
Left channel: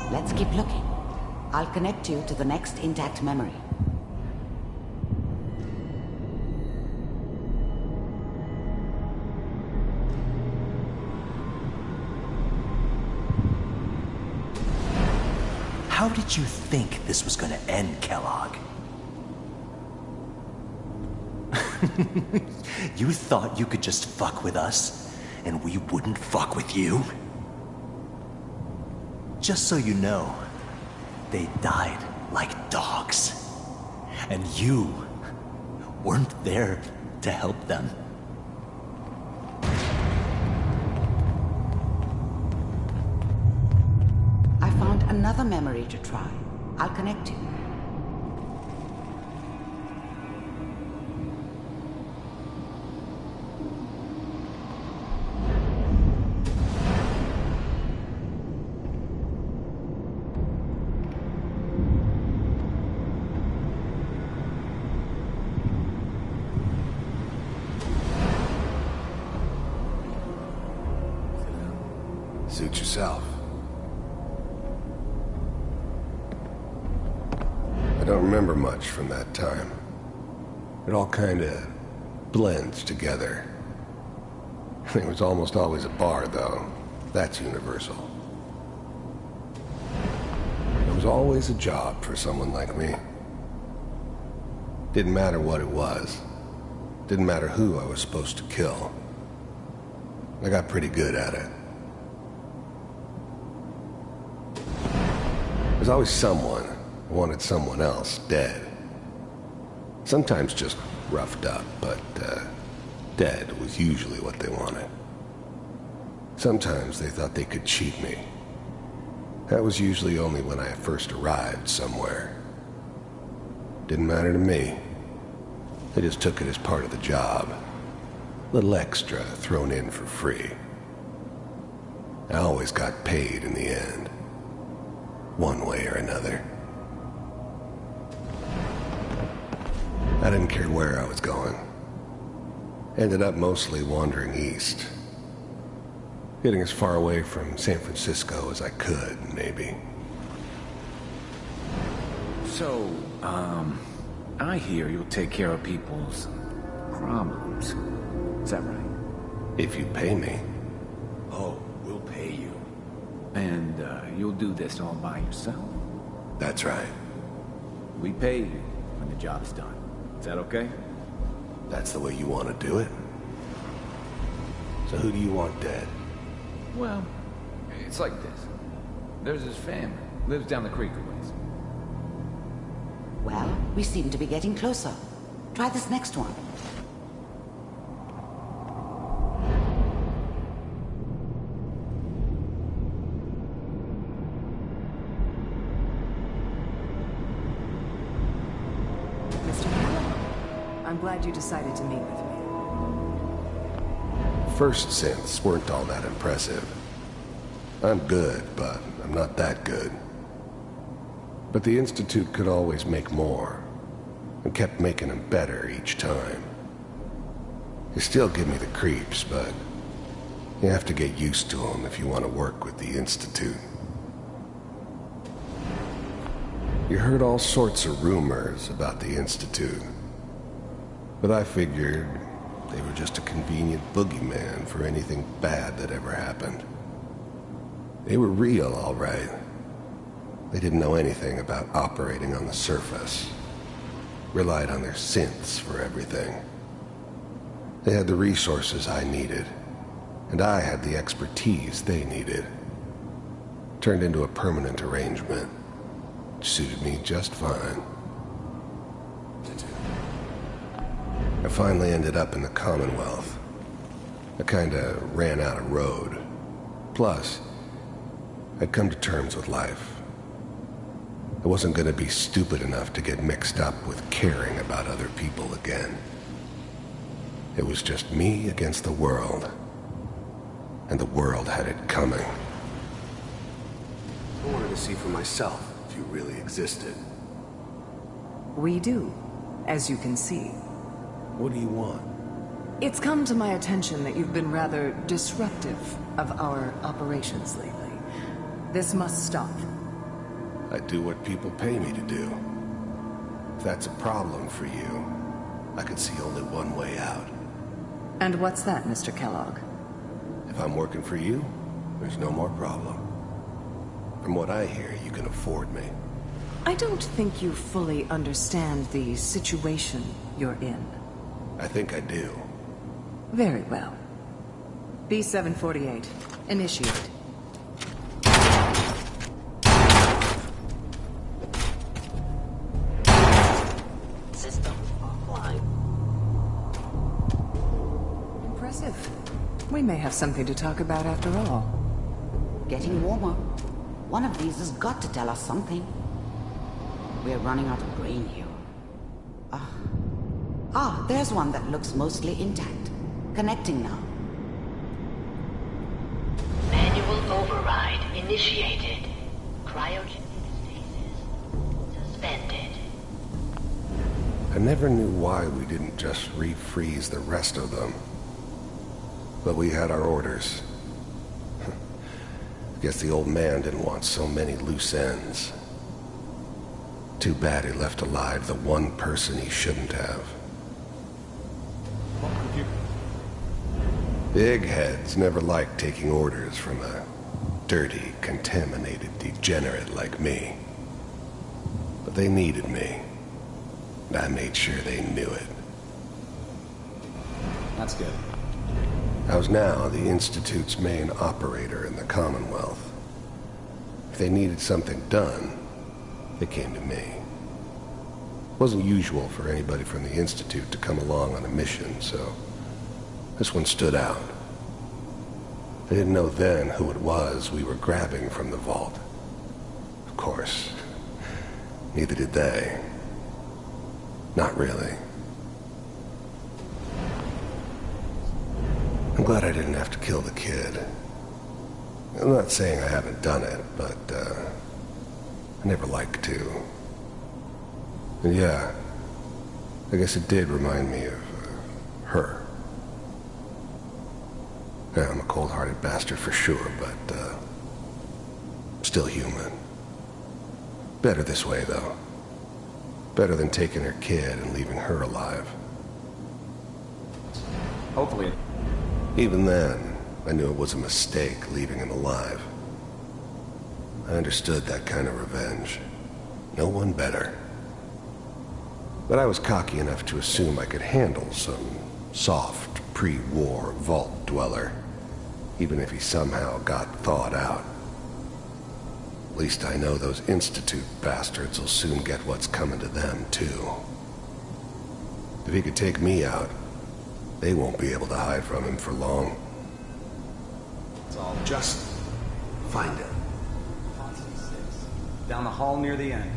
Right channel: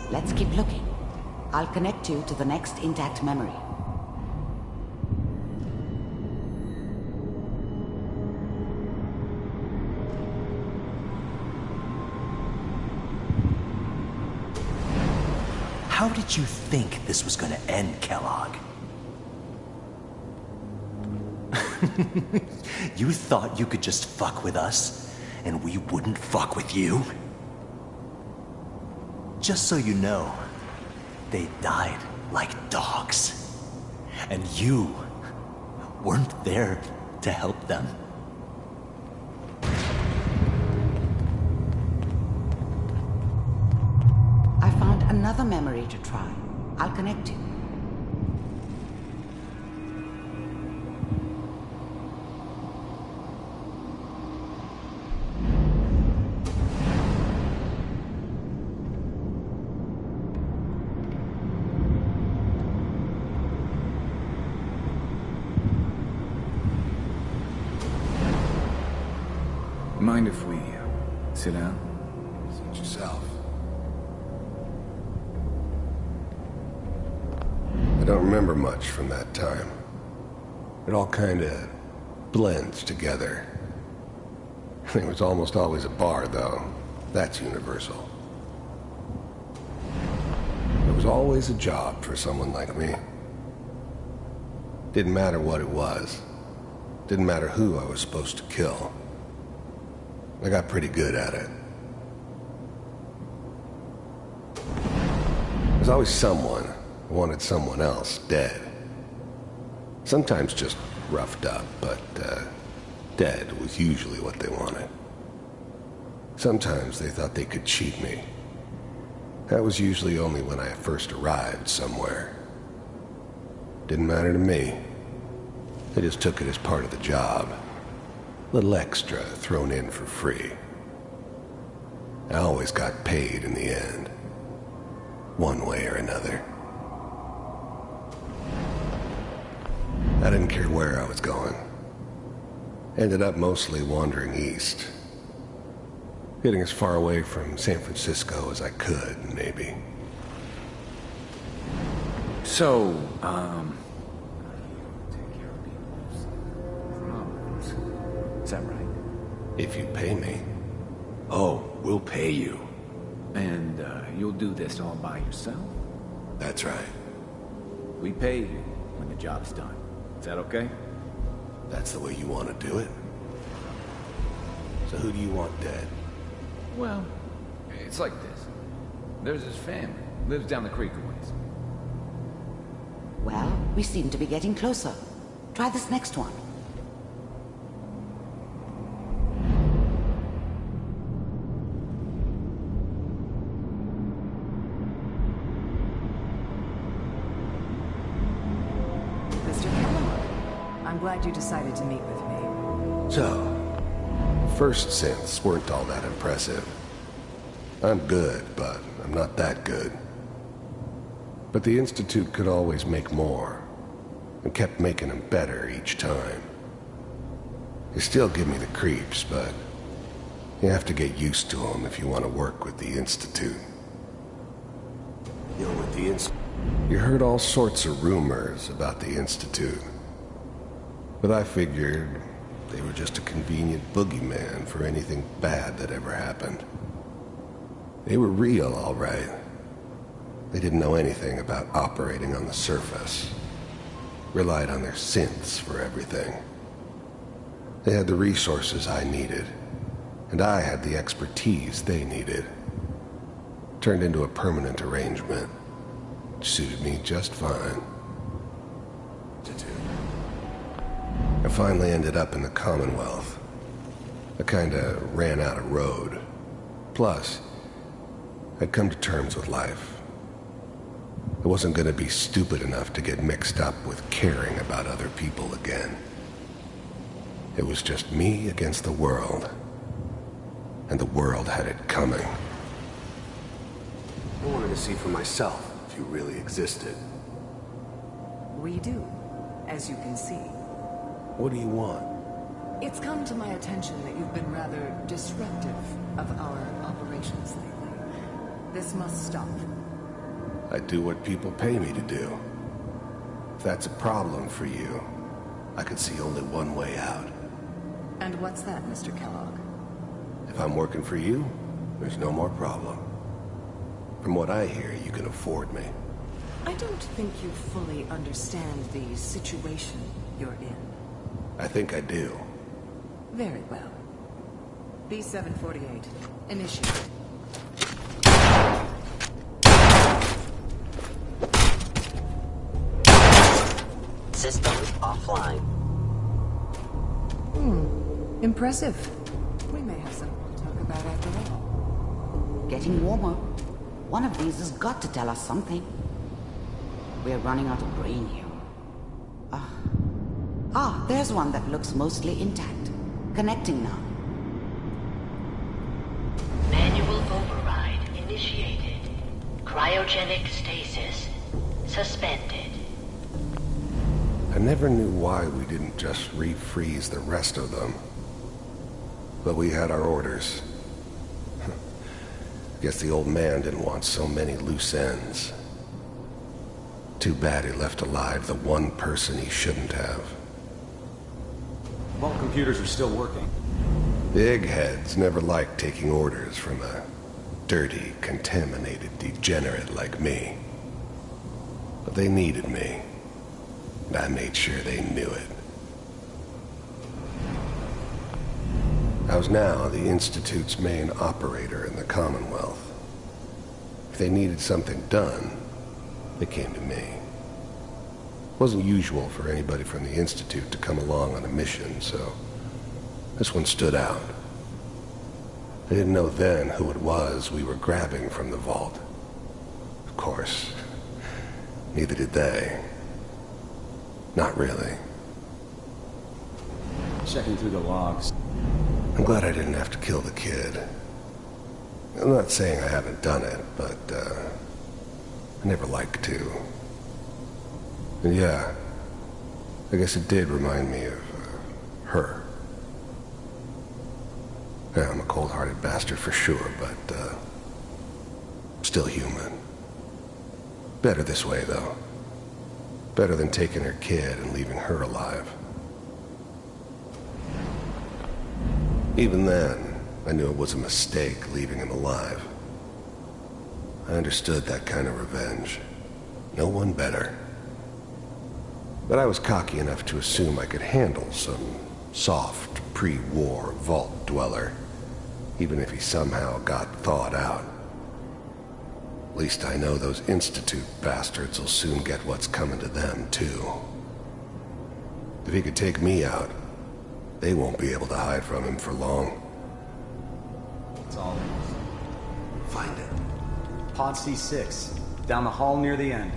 it. Let's keep looking. I'll connect you to the next intact memory. How did you think this was gonna end, Kellogg? You thought you could just fuck with us, and we wouldn't fuck with you? Just so you know, they died like dogs. And you weren't there to help them. I found another memory to try. I'll connect you. Mind if we sit down? Suit yourself. I don't remember much from that time. It all kinda blends together. There was almost always a bar, though. That's universal. There was always a job for someone like me. Didn't matter what it was. Didn't matter who I was supposed to kill. I got pretty good at it. There's always someone who wanted someone else dead. Sometimes just roughed up, but dead was usually what they wanted. Sometimes they thought they could cheat me. That was usually only when I first arrived somewhere. Didn't matter to me. They just took it as part of the job. Little extra thrown in for free. I always got paid in the end. One way or another. I didn't care where I was going. Ended up mostly wandering east. Getting as far away from San Francisco as I could, maybe. So, I hear you'll take care of people's problems. Is that right? If you pay me. Oh, we'll pay you. And, you'll do this all by yourself? That's right. We pay you when the job's done. Is that okay? That's the way you want to do it? So who do you want dead? Well, it's like this. There's his family. Lives down the creek a ways. Well, we seem to be getting closer. Try this next one. Mr. Kellogg, I'm glad you decided to meet with me. So, first synths weren't all that impressive. I'm good, but I'm not that good. But the Institute could always make more, and kept making them better each time. They still give me the creeps, but you have to get used to them if you want to work with the Institute. You heard all sorts of rumors about the Institute, but I figured they were just a convenient boogeyman for anything bad that ever happened. They were real, all right. They didn't know anything about operating on the surface. Relied on their synths for everything. They had the resources I needed, and I had the expertise they needed. Turned into a permanent arrangement. Suited me just fine. I finally ended up in the Commonwealth. I kinda ran out of road. Plus, I'd come to terms with life. I wasn't gonna be stupid enough to get mixed up with caring about other people again. It was just me against the world. And the world had it coming. I wanted to see for myself if you really existed. We do, as you can see. What do you want? It's come to my attention that you've been rather disruptive of our operations lately. This must stop. I do what people pay me to do. If that's a problem for you, I could see only one way out. And what's that, Mr. Kellogg? If I'm working for you, there's no more problem. From what I hear, you can afford me. I don't think you fully understand the situation you're in. I think I do. Very well. B-748, initiate. Systems offline. Impressive. We may have something to talk about after all. Getting warmer. One of these has got to tell us something. We're running out of brain here. There's one that looks mostly intact. Connecting now. Manual override initiated. Cryogenic stasis suspended. I never knew why we didn't just refreeze the rest of them. But we had our orders. Guess the old man didn't want so many loose ends. Too bad he left alive the one person he shouldn't have. All computers are still working. Big heads never liked taking orders from a dirty, contaminated degenerate like me. But they needed me. And I made sure they knew it. That's good. I was now the Institute's main operator in the Commonwealth. If they needed something done, they came to me. It wasn't usual for anybody from the Institute to come along on a mission, so this one stood out. I didn't know then who it was we were grabbing from the vault. Of course, neither did they. Not really. Checking through the logs. I'm glad I didn't have to kill the kid. I'm not saying I haven't done it, but, I never liked to. And yeah, I guess it did remind me of her. Yeah, I'm a cold-hearted bastard for sure, but still human. Better this way, though. Better than taking her kid and leaving her alive. Hopefully. Even then, I knew it was a mistake leaving him alive. I understood that kind of revenge. No one better. But I was cocky enough to assume I could handle some soft, pre-war vault dweller, even if he somehow got thawed out. At least I know those Institute bastards will soon get what's coming to them, too. If he could take me out, they won't be able to hide from him for long. It's all just find it. Pod C6, down the hall near the end.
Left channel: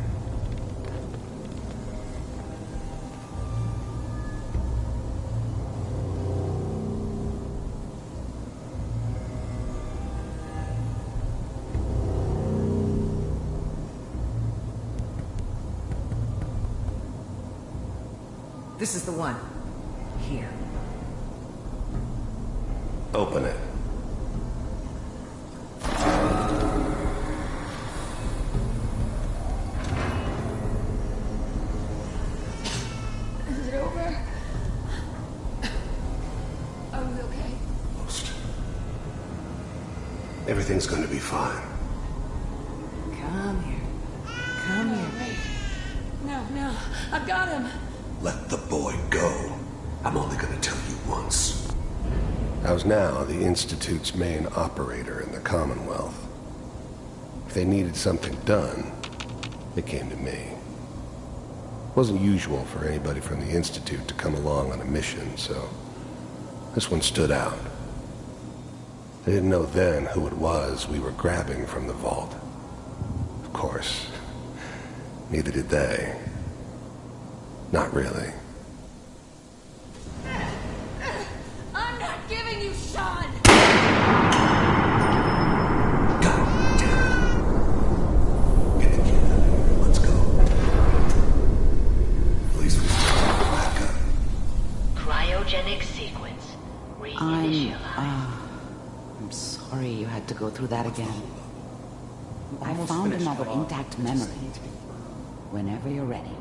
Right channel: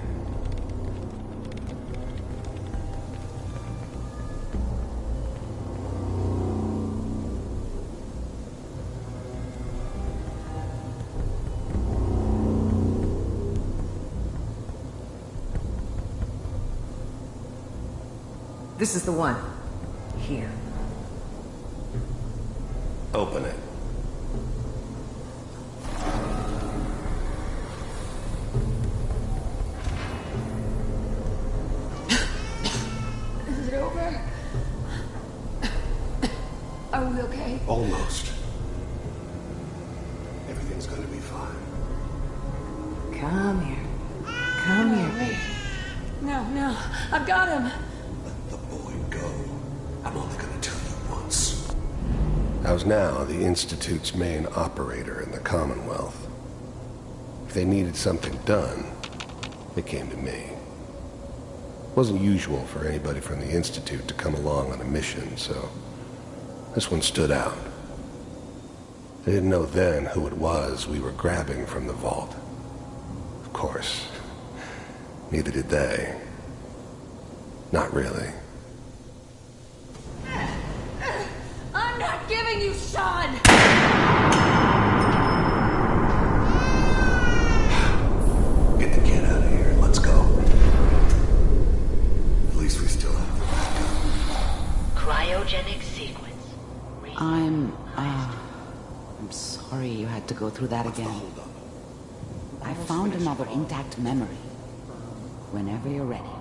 This is the one. Here. Open it. Is it over? Are we okay? Almost. Everything's going to be fine. Come here. Come here, Wait. No. I've got him. Let the boy go. I'm only going to tell you once. I was now the Institute's main operator in the Commonwealth. If they needed something done, they came to me. It wasn't usual for anybody from the Institute to come along on a mission, so this one stood out. They didn't know then who it was we were grabbing from the vault. Of course, neither did they. Not really. I'm not giving you Sean! Get the kid out of here. Let's go. At least we still have a backup. Cryogenic sequence. I'm sorry you had to go through that again. I found another intact memory. Whenever you're ready.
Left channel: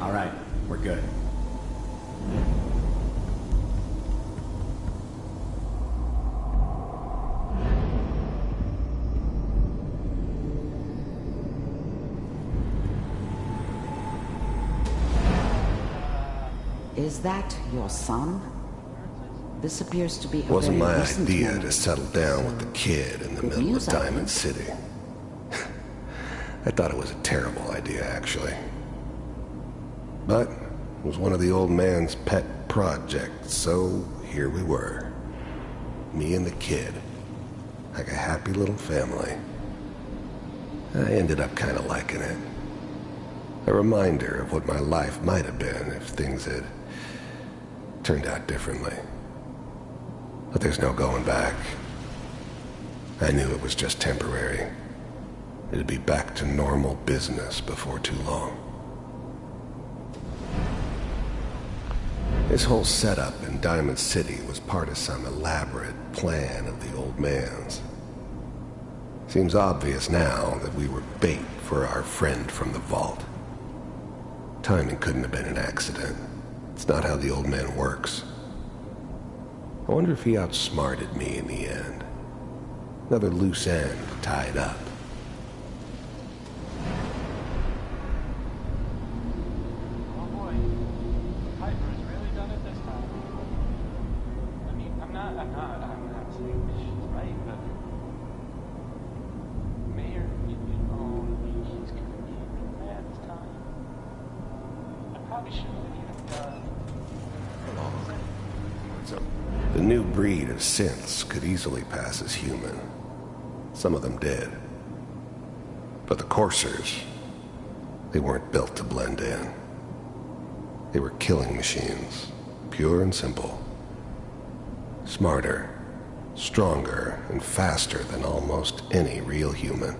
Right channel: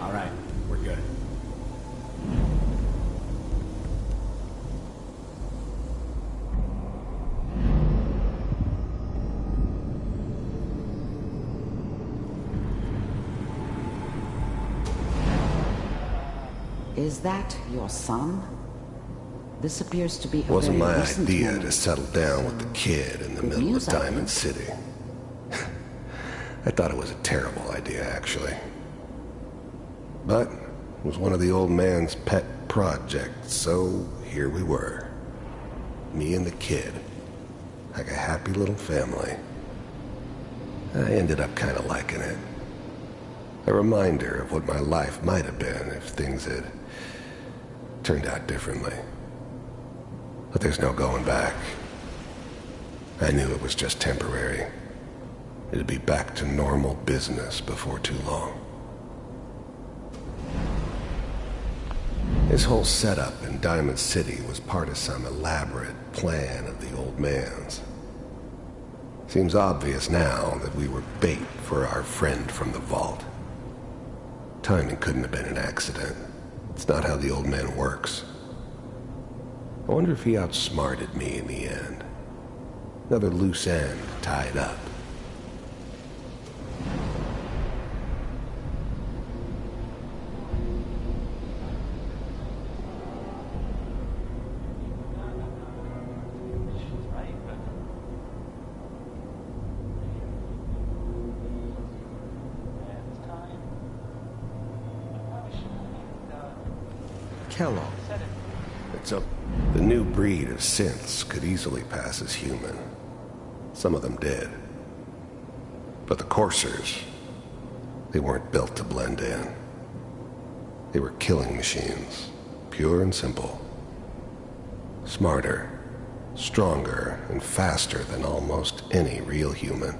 All right, we're good. Is that your son? This appears to be a Wasn't very my recent idea memory. to settle down with the kid in the Good middle of news, I Diamond think. City. I thought it was a terrible idea, actually. But it was one of the old man's pet projects, so here we were. Me and the kid. Like a happy little family. I ended up kind of liking it. A reminder of what my life might have been if things had turned out differently. But there's no going back. I knew it was just temporary. It'd be back to normal business before too long. This whole setup in Diamond City was part of some elaborate plan of the old man's. Seems obvious now that we were bait for our friend from the vault. Timing couldn't have been an accident. It's not how the old man works. I wonder if he outsmarted me in the end. Another loose end tied up. Kellogg. The new breed of synths could easily pass as human. Some of them did. But the coursers, they weren't built to blend in. They were killing machines, pure and simple. Smarter, stronger, and faster than almost any real human.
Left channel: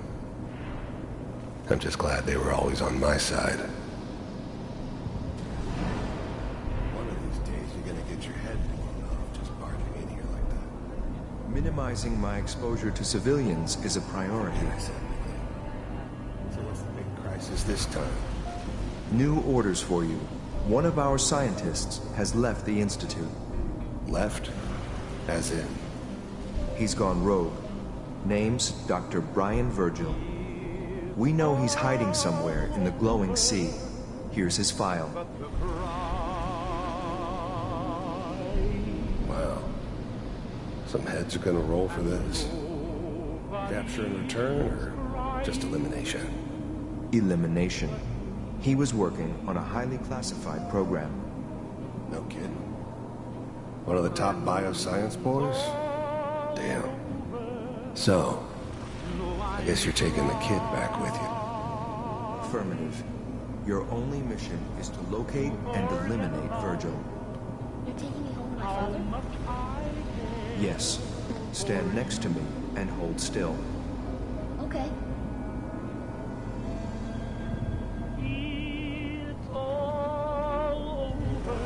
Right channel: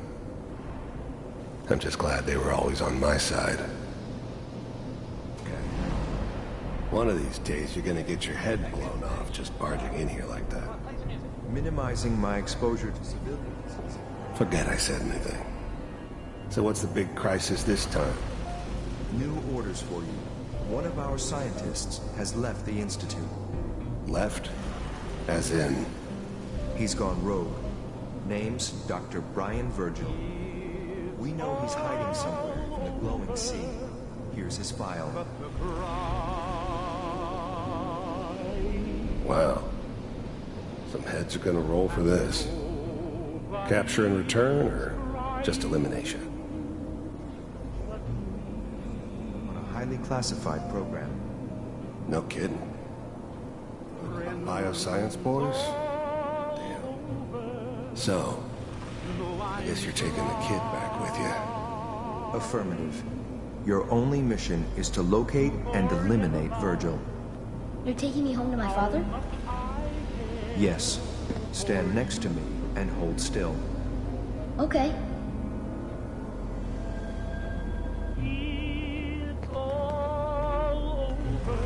I'm just glad they were always on my side. One of these days, you're gonna get your head blown off just barging in here like that. Minimizing my exposure to civilians is a priority. Forget I said anything. So what's the big crisis this time? New orders for you. One of our scientists has left the Institute. Left? As in? He's gone rogue. Name's Dr. Brian Virgil. We know he's hiding somewhere in the glowing sea. Here's his file. Wow. Some heads are gonna roll for this. Capture and return, or just elimination? Elimination. He was working on a highly classified program. No kidding. One of the top bioscience boys? Damn. So, I guess you're taking the kid back with you. Affirmative. Your only mission is to locate and eliminate Virgil. You're taking me home to my father? Yes. Stand next to me and hold still. Okay. It's all over,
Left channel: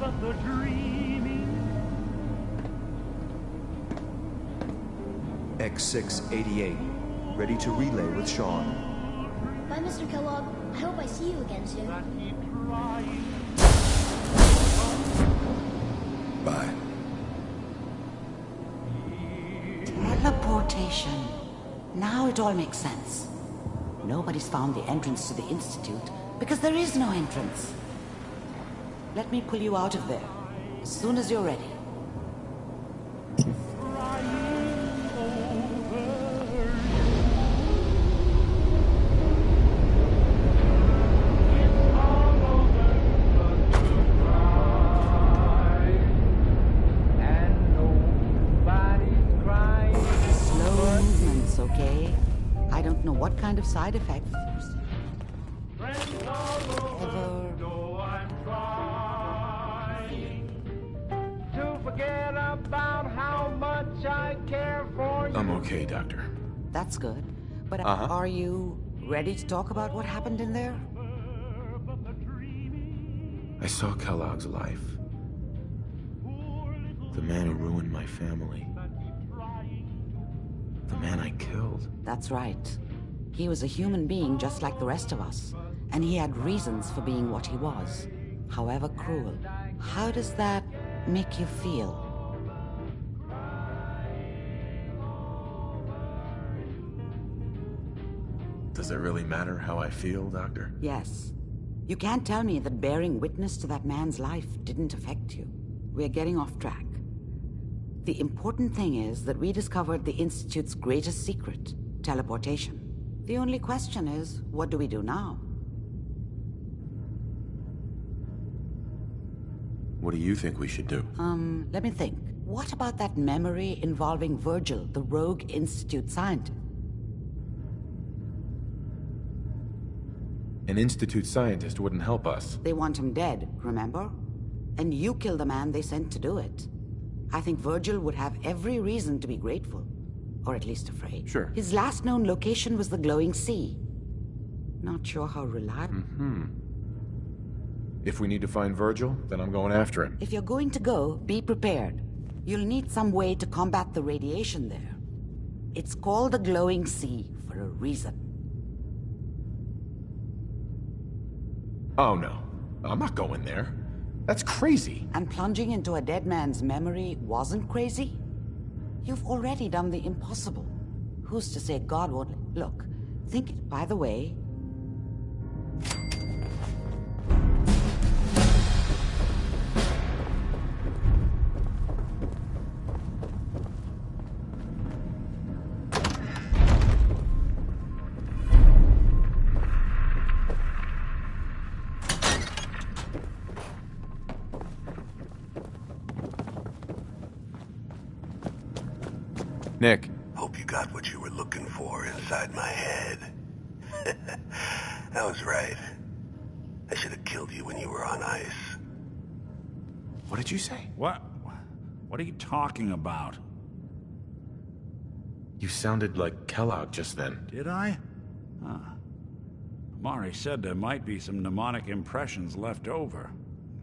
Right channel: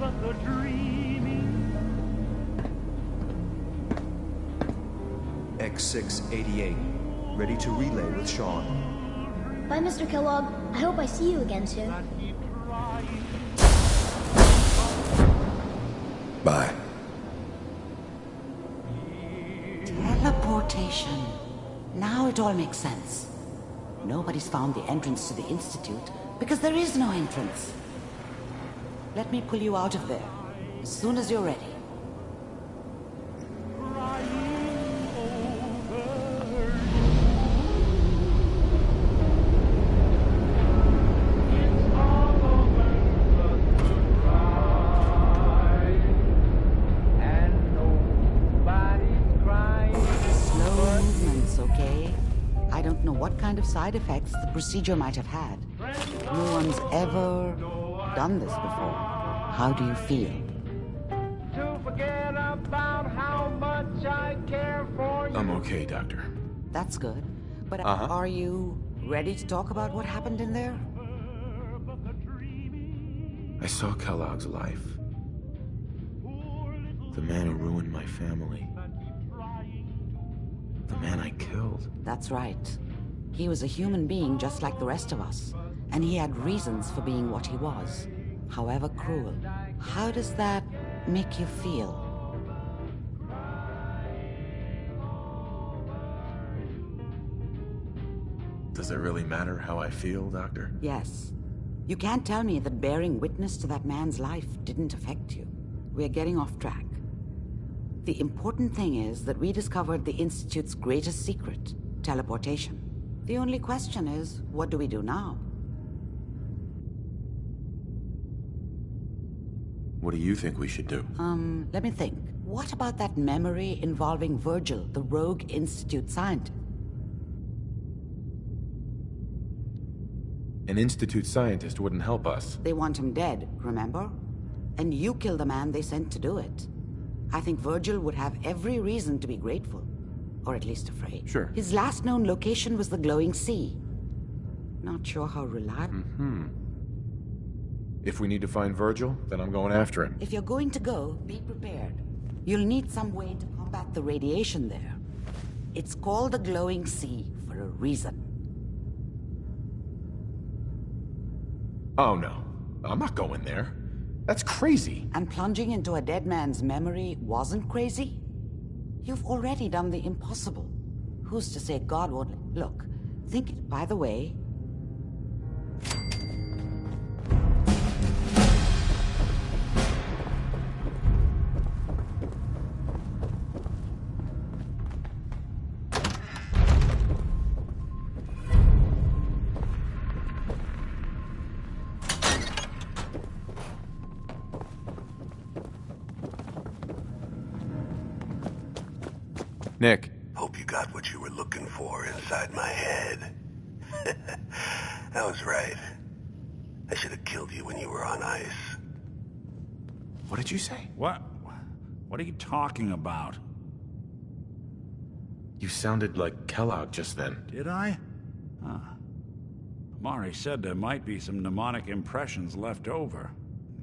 but the dreaming. X688. Ready to relay with Sean. Bye, Mr. Kellogg. I hope I see you again soon. Bye. Teleportation. Now it all makes sense. Nobody's found the entrance to the Institute because there is no entrance. Let me pull you out of there as soon as you're ready. Okay? I don't know what kind of side effects the procedure might have had. No one's ever done this before. How do you feel? To forget about how much I care for you. I'm okay, Doctor. That's good. But are you ready to talk about what happened in there? I saw Kellogg's life. The man who ruined my family. The man I killed. That's right. He was a human being just like the rest of us. And he had reasons for being what he was. However cruel. How does that make you feel? Does it really matter how I feel, Doctor? Yes. You can't tell me that bearing witness to that man's life didn't affect you. We're getting off track. The important thing is that we discovered the Institute's greatest secret, teleportation. The only question is, what do we do now? What do you think we should do? Let me think. What about that memory involving Virgil, the rogue Institute scientist? An Institute scientist wouldn't help us. They want him dead, remember? And you killed the man they sent to do it. I think Virgil would have every reason to be grateful. Or at least afraid. Sure. His last known location was the glowing sea. Not sure how reliable. If we need to find Virgil, then I'm going after him. If you're going to go, be prepared. You'll need some way to combat the radiation there. It's called the glowing sea for a reason. Oh no, I'm not going there. That's crazy. And plunging into a dead man's memory wasn't crazy? You've already done the impossible. Who's to say God won't... Look, think it... By the way... Nick. Hope you got what you were looking for inside my head. I was right. I should have killed you when you were on ice. What did you say? What are you talking about? You sounded like Kellogg just then. Did I? Huh. Mari said there might be some mnemonic impressions left over.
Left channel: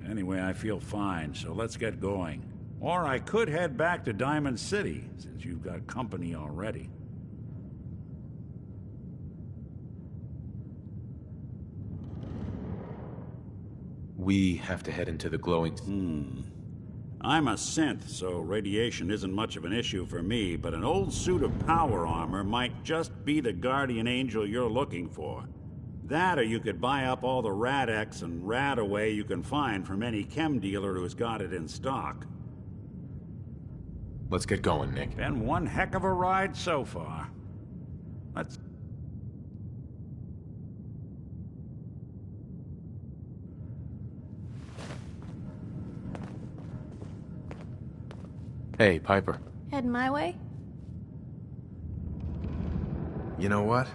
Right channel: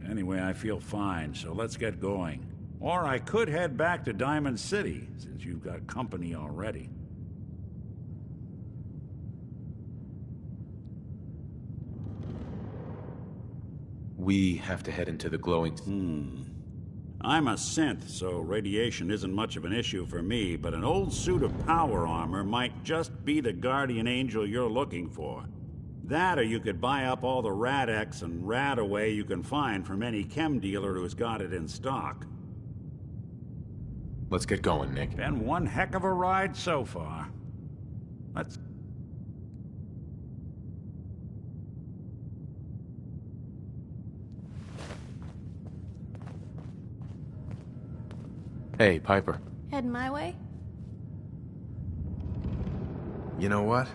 Anyway, I feel fine, so let's get going. Or I could head back to Diamond City, since you've got company already. We have to head into the glowing... I'm a synth, so radiation isn't much of an issue for me, but an old suit of power armor might just be the guardian angel you're looking for. That, or you could buy up all the Rad-X and Rad-Away you can find from any chem dealer who's got it in stock. Let's get going, Nick. Been one heck of a ride so far. Let's... Hey, Piper. Heading my way? You know what?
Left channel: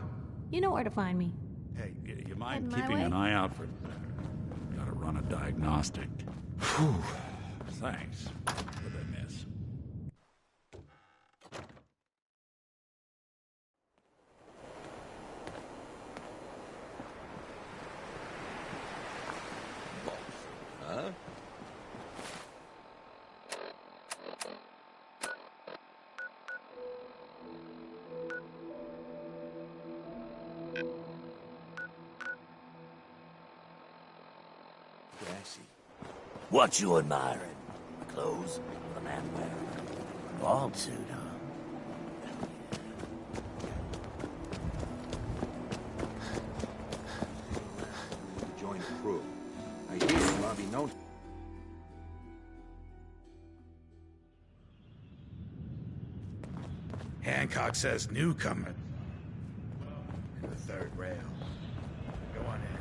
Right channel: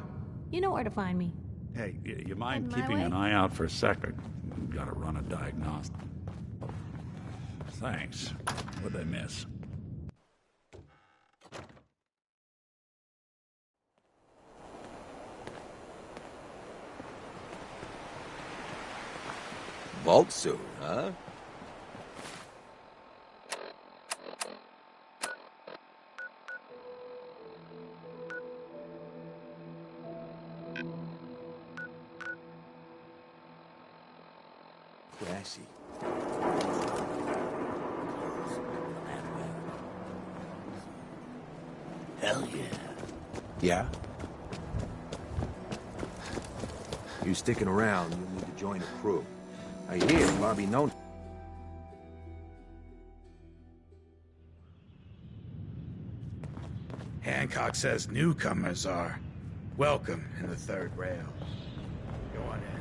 You know where to find me. Hey, you mind Heading my keeping way? an eye out for a second? Gotta run a diagnostic. Whew. Thanks. What'd I miss? Vault suit, huh? Trashy. What you admire? The clothes the man wears. Vault suit, huh? Hell yeah. Yeah? You sticking around, you need to join the crew. I hear Bobby known. Hancock says newcomers are welcome in the third rail. Go on in.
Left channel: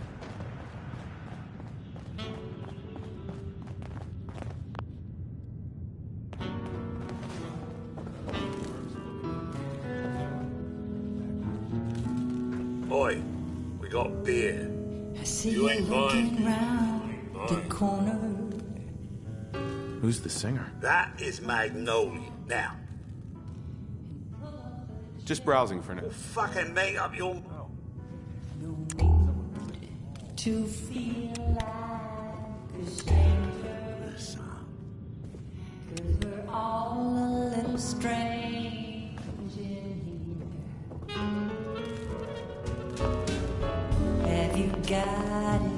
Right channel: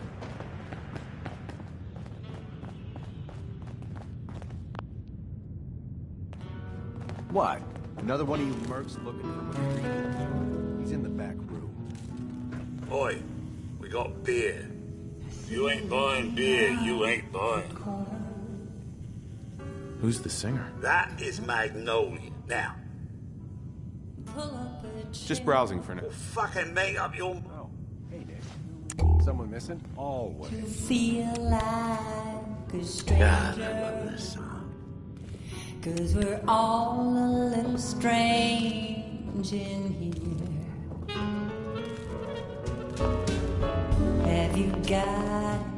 What? Another one of you mercs looking? He's in the back room. Oi, we got beer. You ain't buying beer, you ain't buying. Who's the singer? That is Magnolia. Now, Just browsing for now. fucking make up your... Oh, hey Nick. Someone missing? Oh. To feel like a stranger. God, I love this song. 'Cause we're all a little strange in here. Have you got it